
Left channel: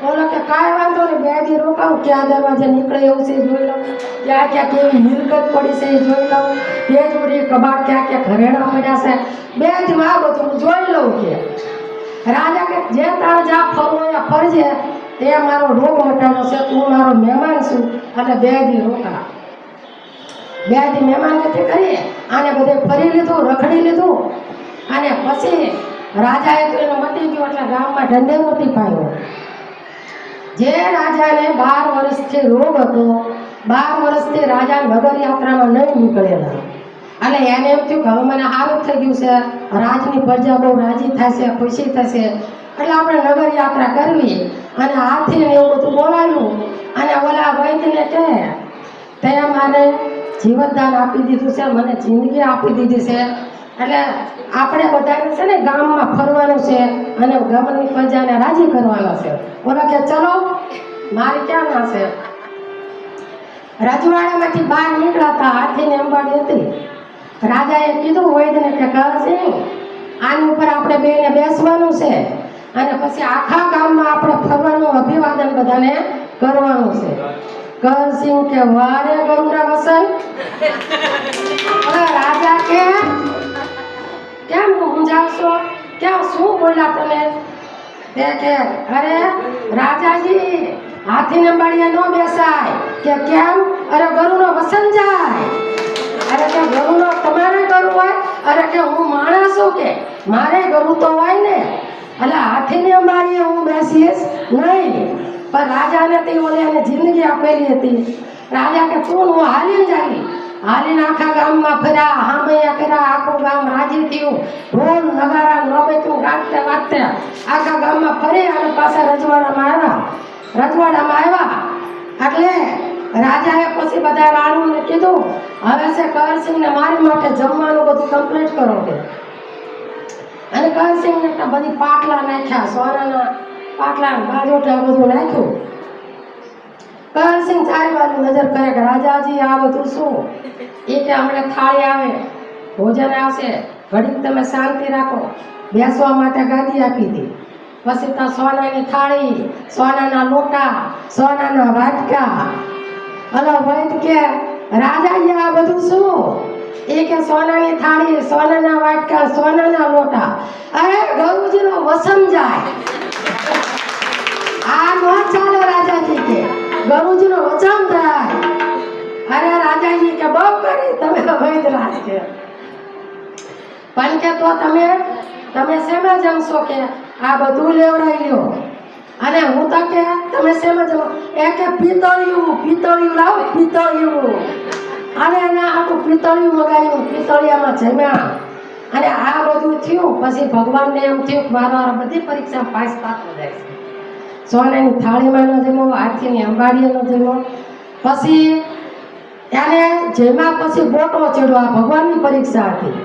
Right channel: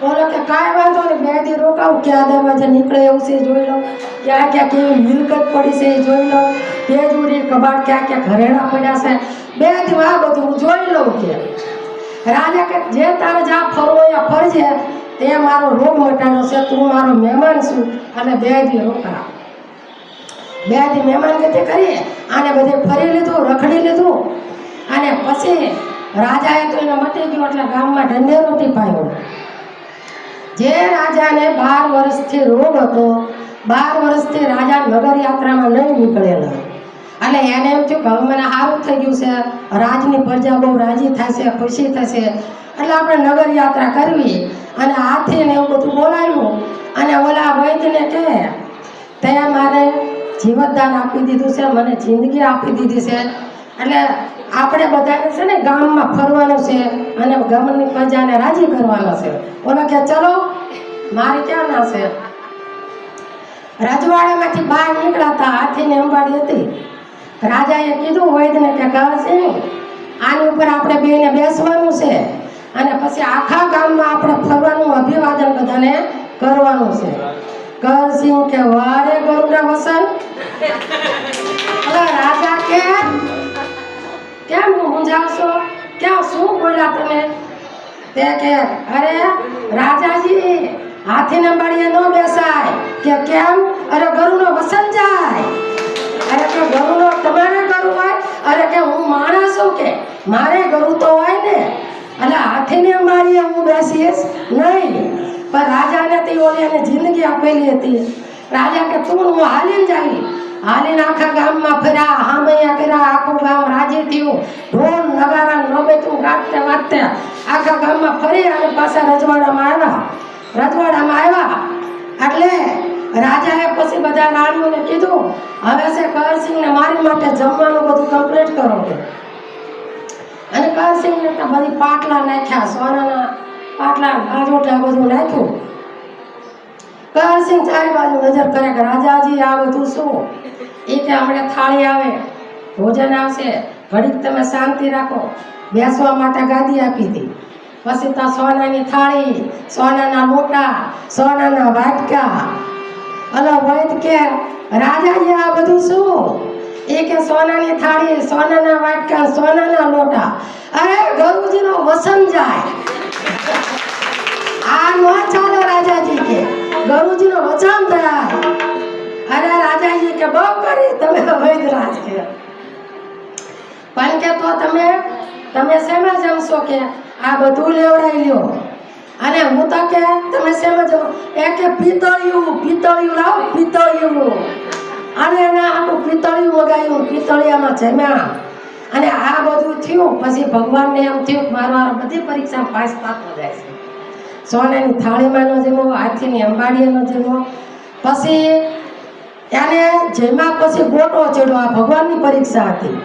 ઓલો કે કાંઈ વાંધો નહીં 2 દી રોકાવું ક્યાં દરવાજે નીકળે એવું છે જોઈ લઉં ક્યાં કેવી મિલકત પડી છે એ જોઈ લઉં તે જોડી કબાટ ક્યાં ઘરેણા પડ્યા છે 2 દી આ બધું હું જોઈ લઉં કે રાજા કે જે તારે જા ફરવો એ ફરજે તે મારો રોગ મટાડો છે તું મારો મહેમાન છું અને 2 દી રોકા 2 દી મહેમાન ગતિ કરીએ આને બધે ફરી લીધું રખડી લીધું અને પછી રાજાએ તો એનો મટી ગયો એટલે ગામમાં ઢંઢેરો ટીપાયો જે રાજાને 12 વર્ષથી રોગ હતો 12 વર્ષથી રાજા નગર યાત્રામાં નહીં નીકળેલા અને એને એમ થયું કે મને સારું થઈ ગયું છે રાજની પ્રજા બહુ રાજી થશે ખુશી થશે એટલે આપણે નગર યાત્રા કરવી અને હાથી ને એવું બધું બોલાવ્યું અને ઓલા વૈદ્યને કહે તે મારે જીવતદાન આપી દીધું છે મને જિંદગી આપી દીધી છે એટલે આપણે બધાને છે ને ગામમાં ફરવાનું છે અને ગામની પ્રજાને રાજી કરવાનો છે ઓલા કે ચલો મારી ક્યાં ના છે રાજવાડામાંથી બહાર નીકળ્યા હતા હાથીની અંબાડી હતી રાજાએ કીધું વૈદ્યને કે કરસિંહ આની ઉપર આપણે બેને બેસવાનું છે અને પછી આખા ગામમાં આપણે ફરવાનું અભિવાદન બધાને કરવાનું છે કરસિંહ કે વારે ગરુડા વસન રાજા કે કેમ સમજાવશો ક્યાં શું બોલ્યા તમે તે કે અરે રાજાજી હાથીને અંબાડીએ ન બેસાય કે કેમ અરે ગરુનો વસન જાય અરે કે ગરુનો તમારે ગરુ હોય અરે કે હું માણસ છું કે મારે ગરુ તો હોય ને એટલે હાથીની અંબાડીએ હું બેસીશ નહીં પણ રાજાને તે ઓલિયાને જિંદગી આપેલી હતી રાજા કે તું હું હાલીને જાય હાલીને આખા ગામમાં ફર્યા હામૈયા કર્યા આખું ગામ રાજી થયું ઢોલ નગારા નોબેતું ગાતે વાતે આખા ગામમાં ફરી અને પાછા રજવાડામાં આવ્યા એટલે રાજાએ પછી બધા રાણીઓને કીધું હવે છે કરસિંહને મારી માટે જમવાનું બધું કમ્પ્લીટ કરો કે અને કરસિંહને તો બધી પાટલા નાખ્યા સોનાના પાટલા ગાજોટા બધું નાખ્યું કરસિંહ ચારે બાજુ નજર કરે કે રાજાજી આ બધું શું એ કે હમણાં થાળી આવે ભોજન આવશે ઘડીક તમે શાંતિ રાખો બેસવા માટે ગાદી આપી હતી પછી તો સોનાની થાળી સોનાના લોટા સોનાના વાટકા અલો વૈદ કે રાજાજી આ બધું શું એ કે સોનાની થાળી સોનાના વાટકા સોનાના લોટા અરે ગરુજીનો વસન જાય આ ન ચાલે રાજાજી કે ગરુજીનો વચન થયા રાજાજી કે બહુ કરી તમે વૈદરાજ કે પણ કે તો તમે શેમાં જમશો કે આ બધું લેવડાવી લ્યો અને હું તો કે તમે શેમાં જમો એ કે પિત્તળિયું લાવો પિત્તળિયું અને એને આટલું પિત્તળિયું મગાવ્યું પિત્તળિયામાં જમ્યા અને આ બધું થયું પછી ભગવાનને એમ થયું કે મારો આ બધી પરીક્ષા પાસ થતો જાય છે સોનાની થાળીમાં ન જમો હાથીની અંબાડીનો જમો પછી એને જેમાં પછી ગોટો ચડ્યો આ ભગવાનની પરીક્ષા હતી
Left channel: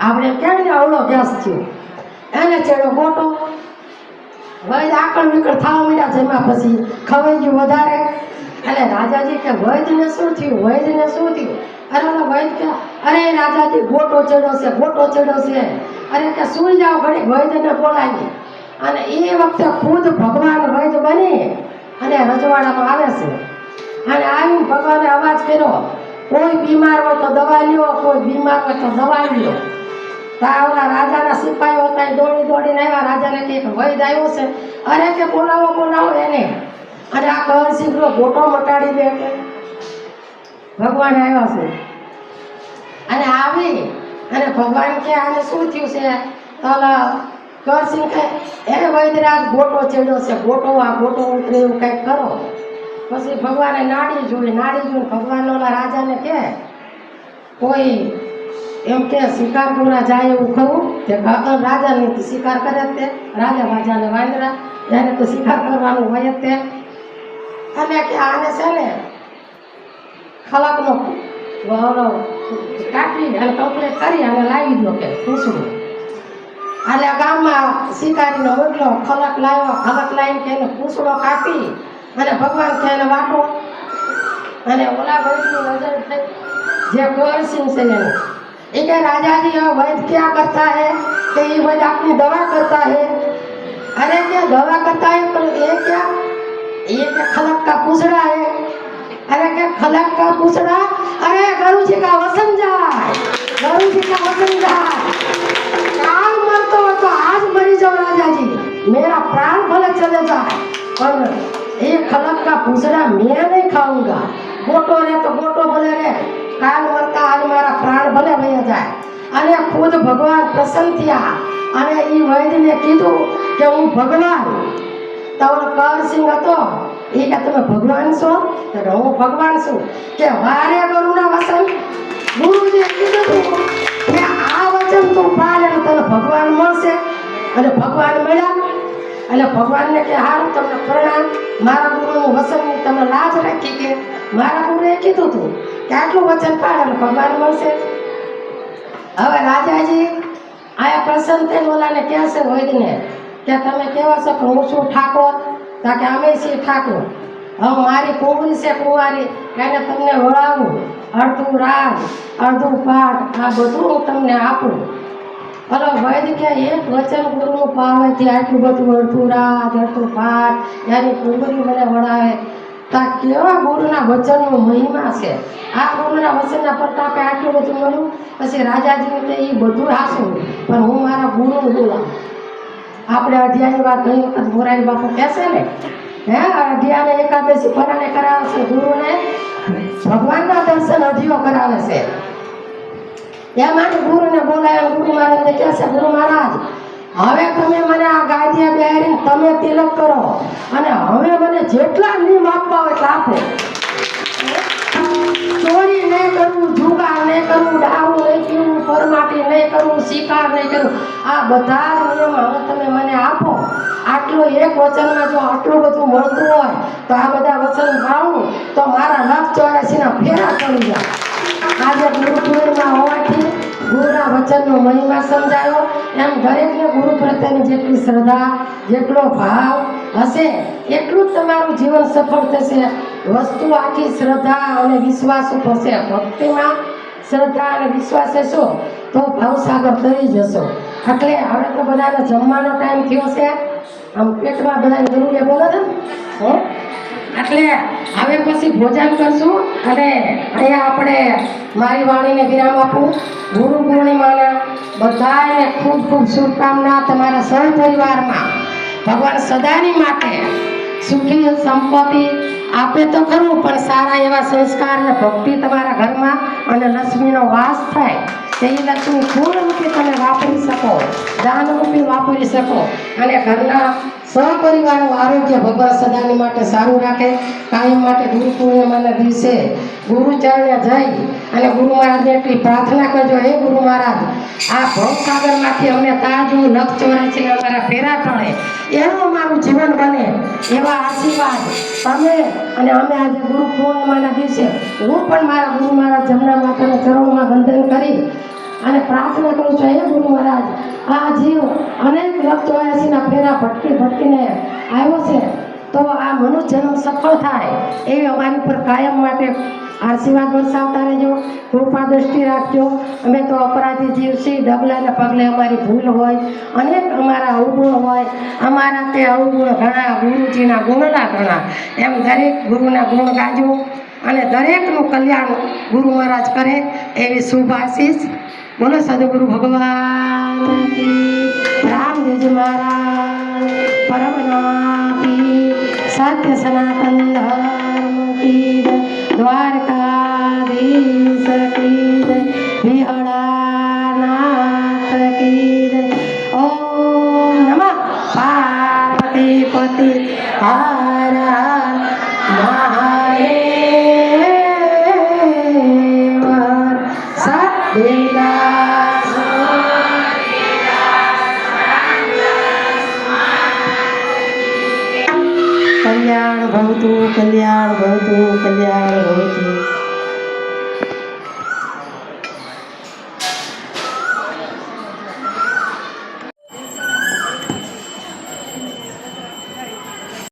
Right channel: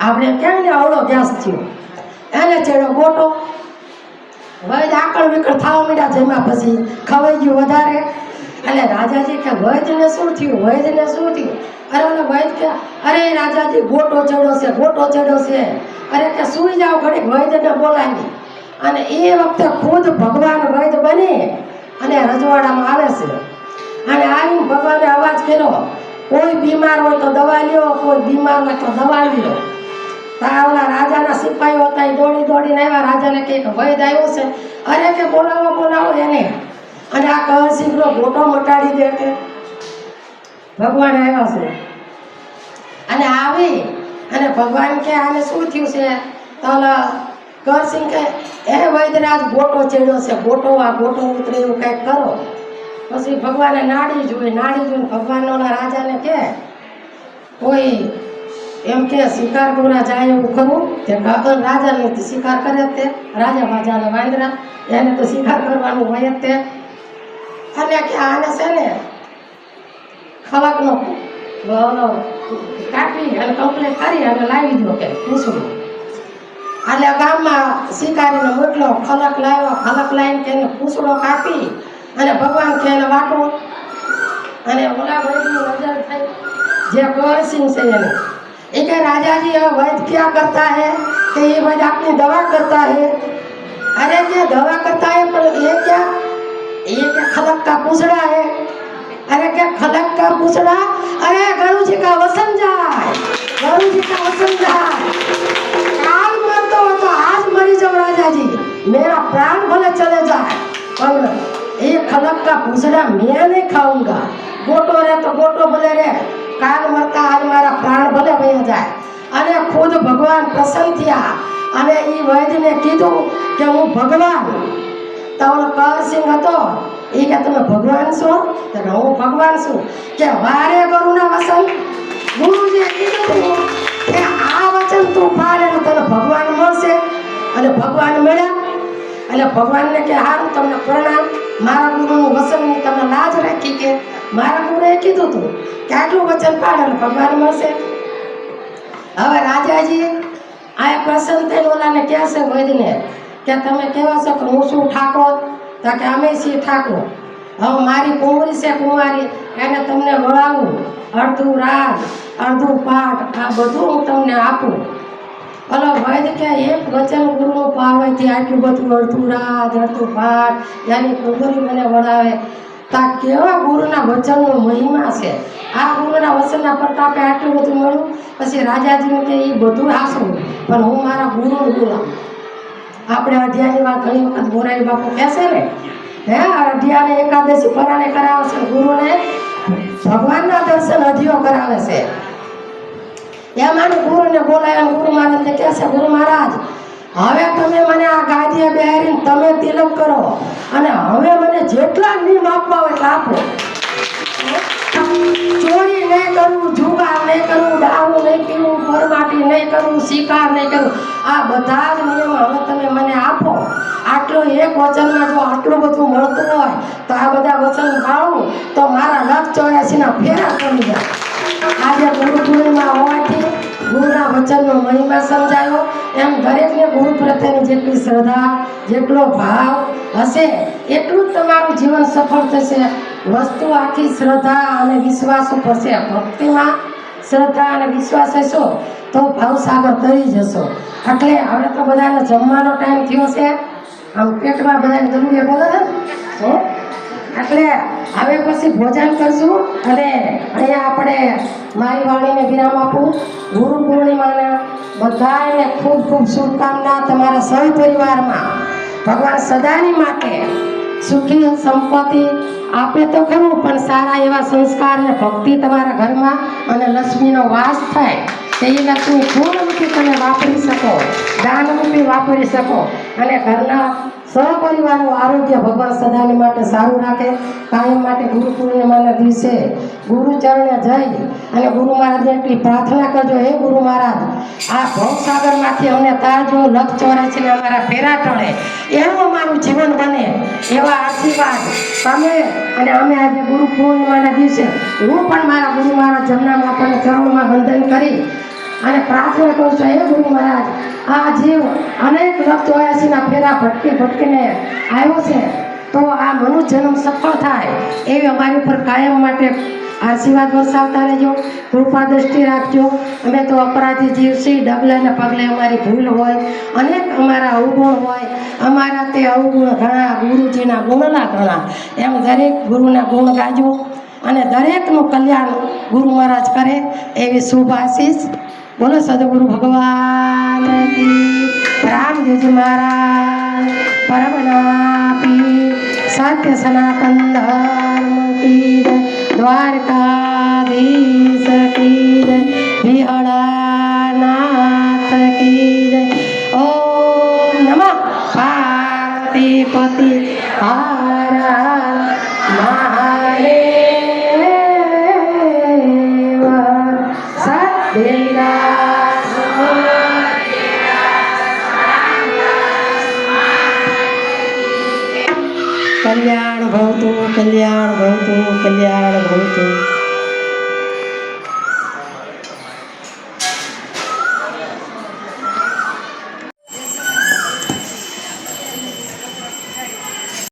આપણે કેમ ને અવળો ગેસ થયો એને ચડ્યો ગોટો વૈદ આકળ વિકળ થવા માંડ્યા જેમાં પછી ખવાઈ ગયું વધારે એટલે રાજાજી કે વૈદને શું થયું અરે ઓલો વૈદ કે અરે રાજાજી ગોટો ચડ્યો છે અરે કે સૂઈ જાઓ ઘડીક વૈદને બોલાવી અને એ વખતે ખુદ ભગવાન વૈદ બની અને રજવાડામાં આવે છે અને આવીને ભગવાને અવાજ કર્યો કોઈ બીમાર હોય તો દવા લ્યો કોઈ બીમાર હોય તો દવા લ્યો તાવલા રાજાના સિપાહીઓ હતા દોડીને આવ્યા રાજાને કે વૈદ આવ્યો છે અરે કે બોલાવો એને અને આ કળશીનો ગોટો મટાડી દે કે ભગવાન આવ્યા છે અને આવી અને ભગવાન કે આને શું થયું છે તો કરસિંહ કે એ વૈદરાજ ગોટો ચડ્યો છે ગોટો ઉતરે એવું કંઈક કરો પછી ભગવાને નાડી જોઈ ભગવાન ઓલા રાજાને કે કોઈ એમ કે શિકાર કરવા જાય એવું ખરું કે ગગન રાજાને શિકાર કરે તે રાજા બાજાને વાંદરા એને તો શિકાર કરવાનું હોય જ તે અને કે આને છે ને ખલકનો કાપી અને કમ્પ્લીટ કરી અને લાવી દો કે પૂછવું એટલે ગામમાં શિકારીનો મોટલો ખલક લાવીને કે એને પૂછડો કાપી અને ભગવાન કે એને વાટો અને ઓલા વૈદની નજર થઈ જે કરસિંહ છે એને એ કે राजा जी वैद्य क्या करता है कि ये वैद्य अपनी दवा करता है अरे क्या दवा करता है पर ये क्या खलक का पूछड़ा है अरे क्या खलक का पूछड़ा अरे गुरु जी का वसन जाए काल मरता हो तो आज मरी जाओ राजा जी मेरा प्राण भले चले जाए पर ये खलक का पूछड़ा मैं नहीं खाऊंगा गोटो रहे तो गोटो भले रहे काल मरता आज मारा प्राण भले वया जाए અને ખુદ ભગવાન પ્રસન્ન થયા અને એ વૈદ્યને કીધું કે હું ભગવાન તો કરસિંહ હતો એ કે તમે ભગવાન છો તો હું ભગવાન છું કે વારે ગુરુના વચન ગુરુજીએ કીધું કે આ વચન તું પાળે તો તને ભગવાન મળશે અને ભગવાન મળ્યા એટલે ભગવાનને કે હારું તમને પ્રણામ મારા ગુરુનું વચનની તમે લાજ રાખી કે મારા ગુરુએ કીધું તું કે આટલું વચન પાડે ભગવાન મળશે હવે રાજાજી આયા પ્રસન્ન થઈને ઓલાને કહે છે વૈદ્યને કે તમે કેવા છો કે હું શું ઠાકોર તો કે અમે છીએ ઠાકોર હવે મારી કુંવરી છે કુંવારી એને તમને વળાવું અડધું રાજ અડધું પાઠ આ બધું હું તમને આપું ભલો વૈદ્ય કે એક વચન ગુરુનું પાવેથી આટલું બધું અડધું રાજ અડધું પાઠ એની કુંવરી મને વળાવે તા કેવા ગુરુના વચનનો મહિમા છે આ ગુરુના વચનના પ્રતાપે આટલું બધું મળ્યું પછી રાજાજીને કે એ બધું હાસું પણ હું મારા ગુરુને બોલાવું આપણે અઢિયારીમાં ઘણી વખત મોરારી બાપુ કહેશે ને હે અઢિયારે એકાદશી પરાણે કરાવે છે ગુરુને ભગવાનના દર્શન અઢિયો કરાવે છે એમાં ગુરુને બોલાય ગુરુ મહારાજને કહે છે ગુરુ મહારાજ હવે તમે મને આ ગાદીએ બેહારીને તમે તિલક કરો અને હવે મને જેટલા નિયમ આપવા હોય એટલા આપો ચોરી નહીં કરવું જુગાર નહીં કરવું દારૂ નહીં પીવું પરમાટી નહીં કરવું શિકાર નહીં કરવું આ બધા જ નિયમો હવે તમે મને આપો આટલો એક વચનમાં જો આટલું બધું મળતું હોય તો આ બધા વચન પાળું તો મારા 184ના ફેરા પડી જાય આજે ગુરુ પૂર્ણિમા હોવાથી ગુરુના વચનનો મહિમા સમજાયો એમ દરેકને ગુરુ પ્રત્યેની જેટલી શ્રદ્ધા જેટલો ભાવ હશે એટલું જ તમારું જીવન સફળ થશે વસ્તુ આખી શ્રદ્ધા અને વિશ્વાસ ઉપર છે ભક્તિમાં શ્રદ્ધા અને વિશ્વાસ હશો તો ભવસાગર તરી જશો એટલે હવે તો બધાને જમવાનો ટાઈમ થયો છે આમ પેટમાં બધાને જરૂરી બોલે છે એટલે હવે પછી ભોજન કરશું અને અહીંયા આપણે મારી વાણીને વિરામ આપું ગુરુ પૂર્ણિમાના બધાને ખૂબ ખૂબ શુભકામના તમારા સહ પરિવારમાં ભગવાન સદાની માટે સુખી સંપત્તિ આપે તો ખરું, પણ સારા એવા સંસ્કાર અને ભક્તિ તમારા ઘરમાં અને લક્ષ્મીનો વાસ થાય. તે લક્ષ્મી પૂર્ણરૂપે તમે વાપરી શકો, દાનરૂપે વાપરી શકો અને ઘરના સહપરિવારનું આરોગ્ય ભગવાન સદાની માટે સારું રાખે. કાયમ માટે ગુરુ પૂર્ણિમાના દિવસે ગુરુચરણે જઈ અને ગુરુ મહારાજને એટલી પ્રાર્થના કરજો, હે ગુરુ મહારાજ, આ ભવસાગરમાંથી અમને તાજો લખ ચોરાશીને અમારા ફેરા ટળે એવું અમારું જીવન બને એવા આશીર્વાદ તમે અને અમે આજે ગુરુ પૂર્ણિમાના દિવસે હું પણ મારા ગુરુ મહારાજ જમના માતાના ચરણોમાં વંદન કરી અને પ્રાર્થના કરું છું, હે ગુરુ મહારાજ, આ જીવ અનેક લખ ચોરાશીના ફેરા ભટકીને આવ્યો છે, તો આ મનુષ્ય જન્મ સફળ થાય એવી અમારી ઉપર કાયમ માટે આશીર્વાદ વરસાવતા રહેજો, કૃપા દ્રષ્ટિ રાખજો. અમે તો અપરાધી જીવ છીએ, ડગલાને પગલે અમારી ભૂલ હોય, અનેક અમારા અવગુણ હોય, અમારા તે અવગુણ ઘણા, ગુરુજીના ગુણના ઘણા, એમ દરેક ગુરુના ગુણ ગાજો અને દરેકનું કલ્યાણ ગુરુ મહારાજ કરે એવી શુભ આશીષ. બોલો સદગુરુ ભગવાન કી, રામદેવજી મહારાજ પરમનાપી, સત્ય સનાતન ધર્મ કી, દ્વારકાધીશ કી, વિહળાનાથ કી. ઓમ નમઃ પાર્વતી પતિ હર મહાદેવ. સત્યના કલ્યાણ ભવતુ, કલ્યાણ ભવતુ, કલ્યાણ ભવતુ.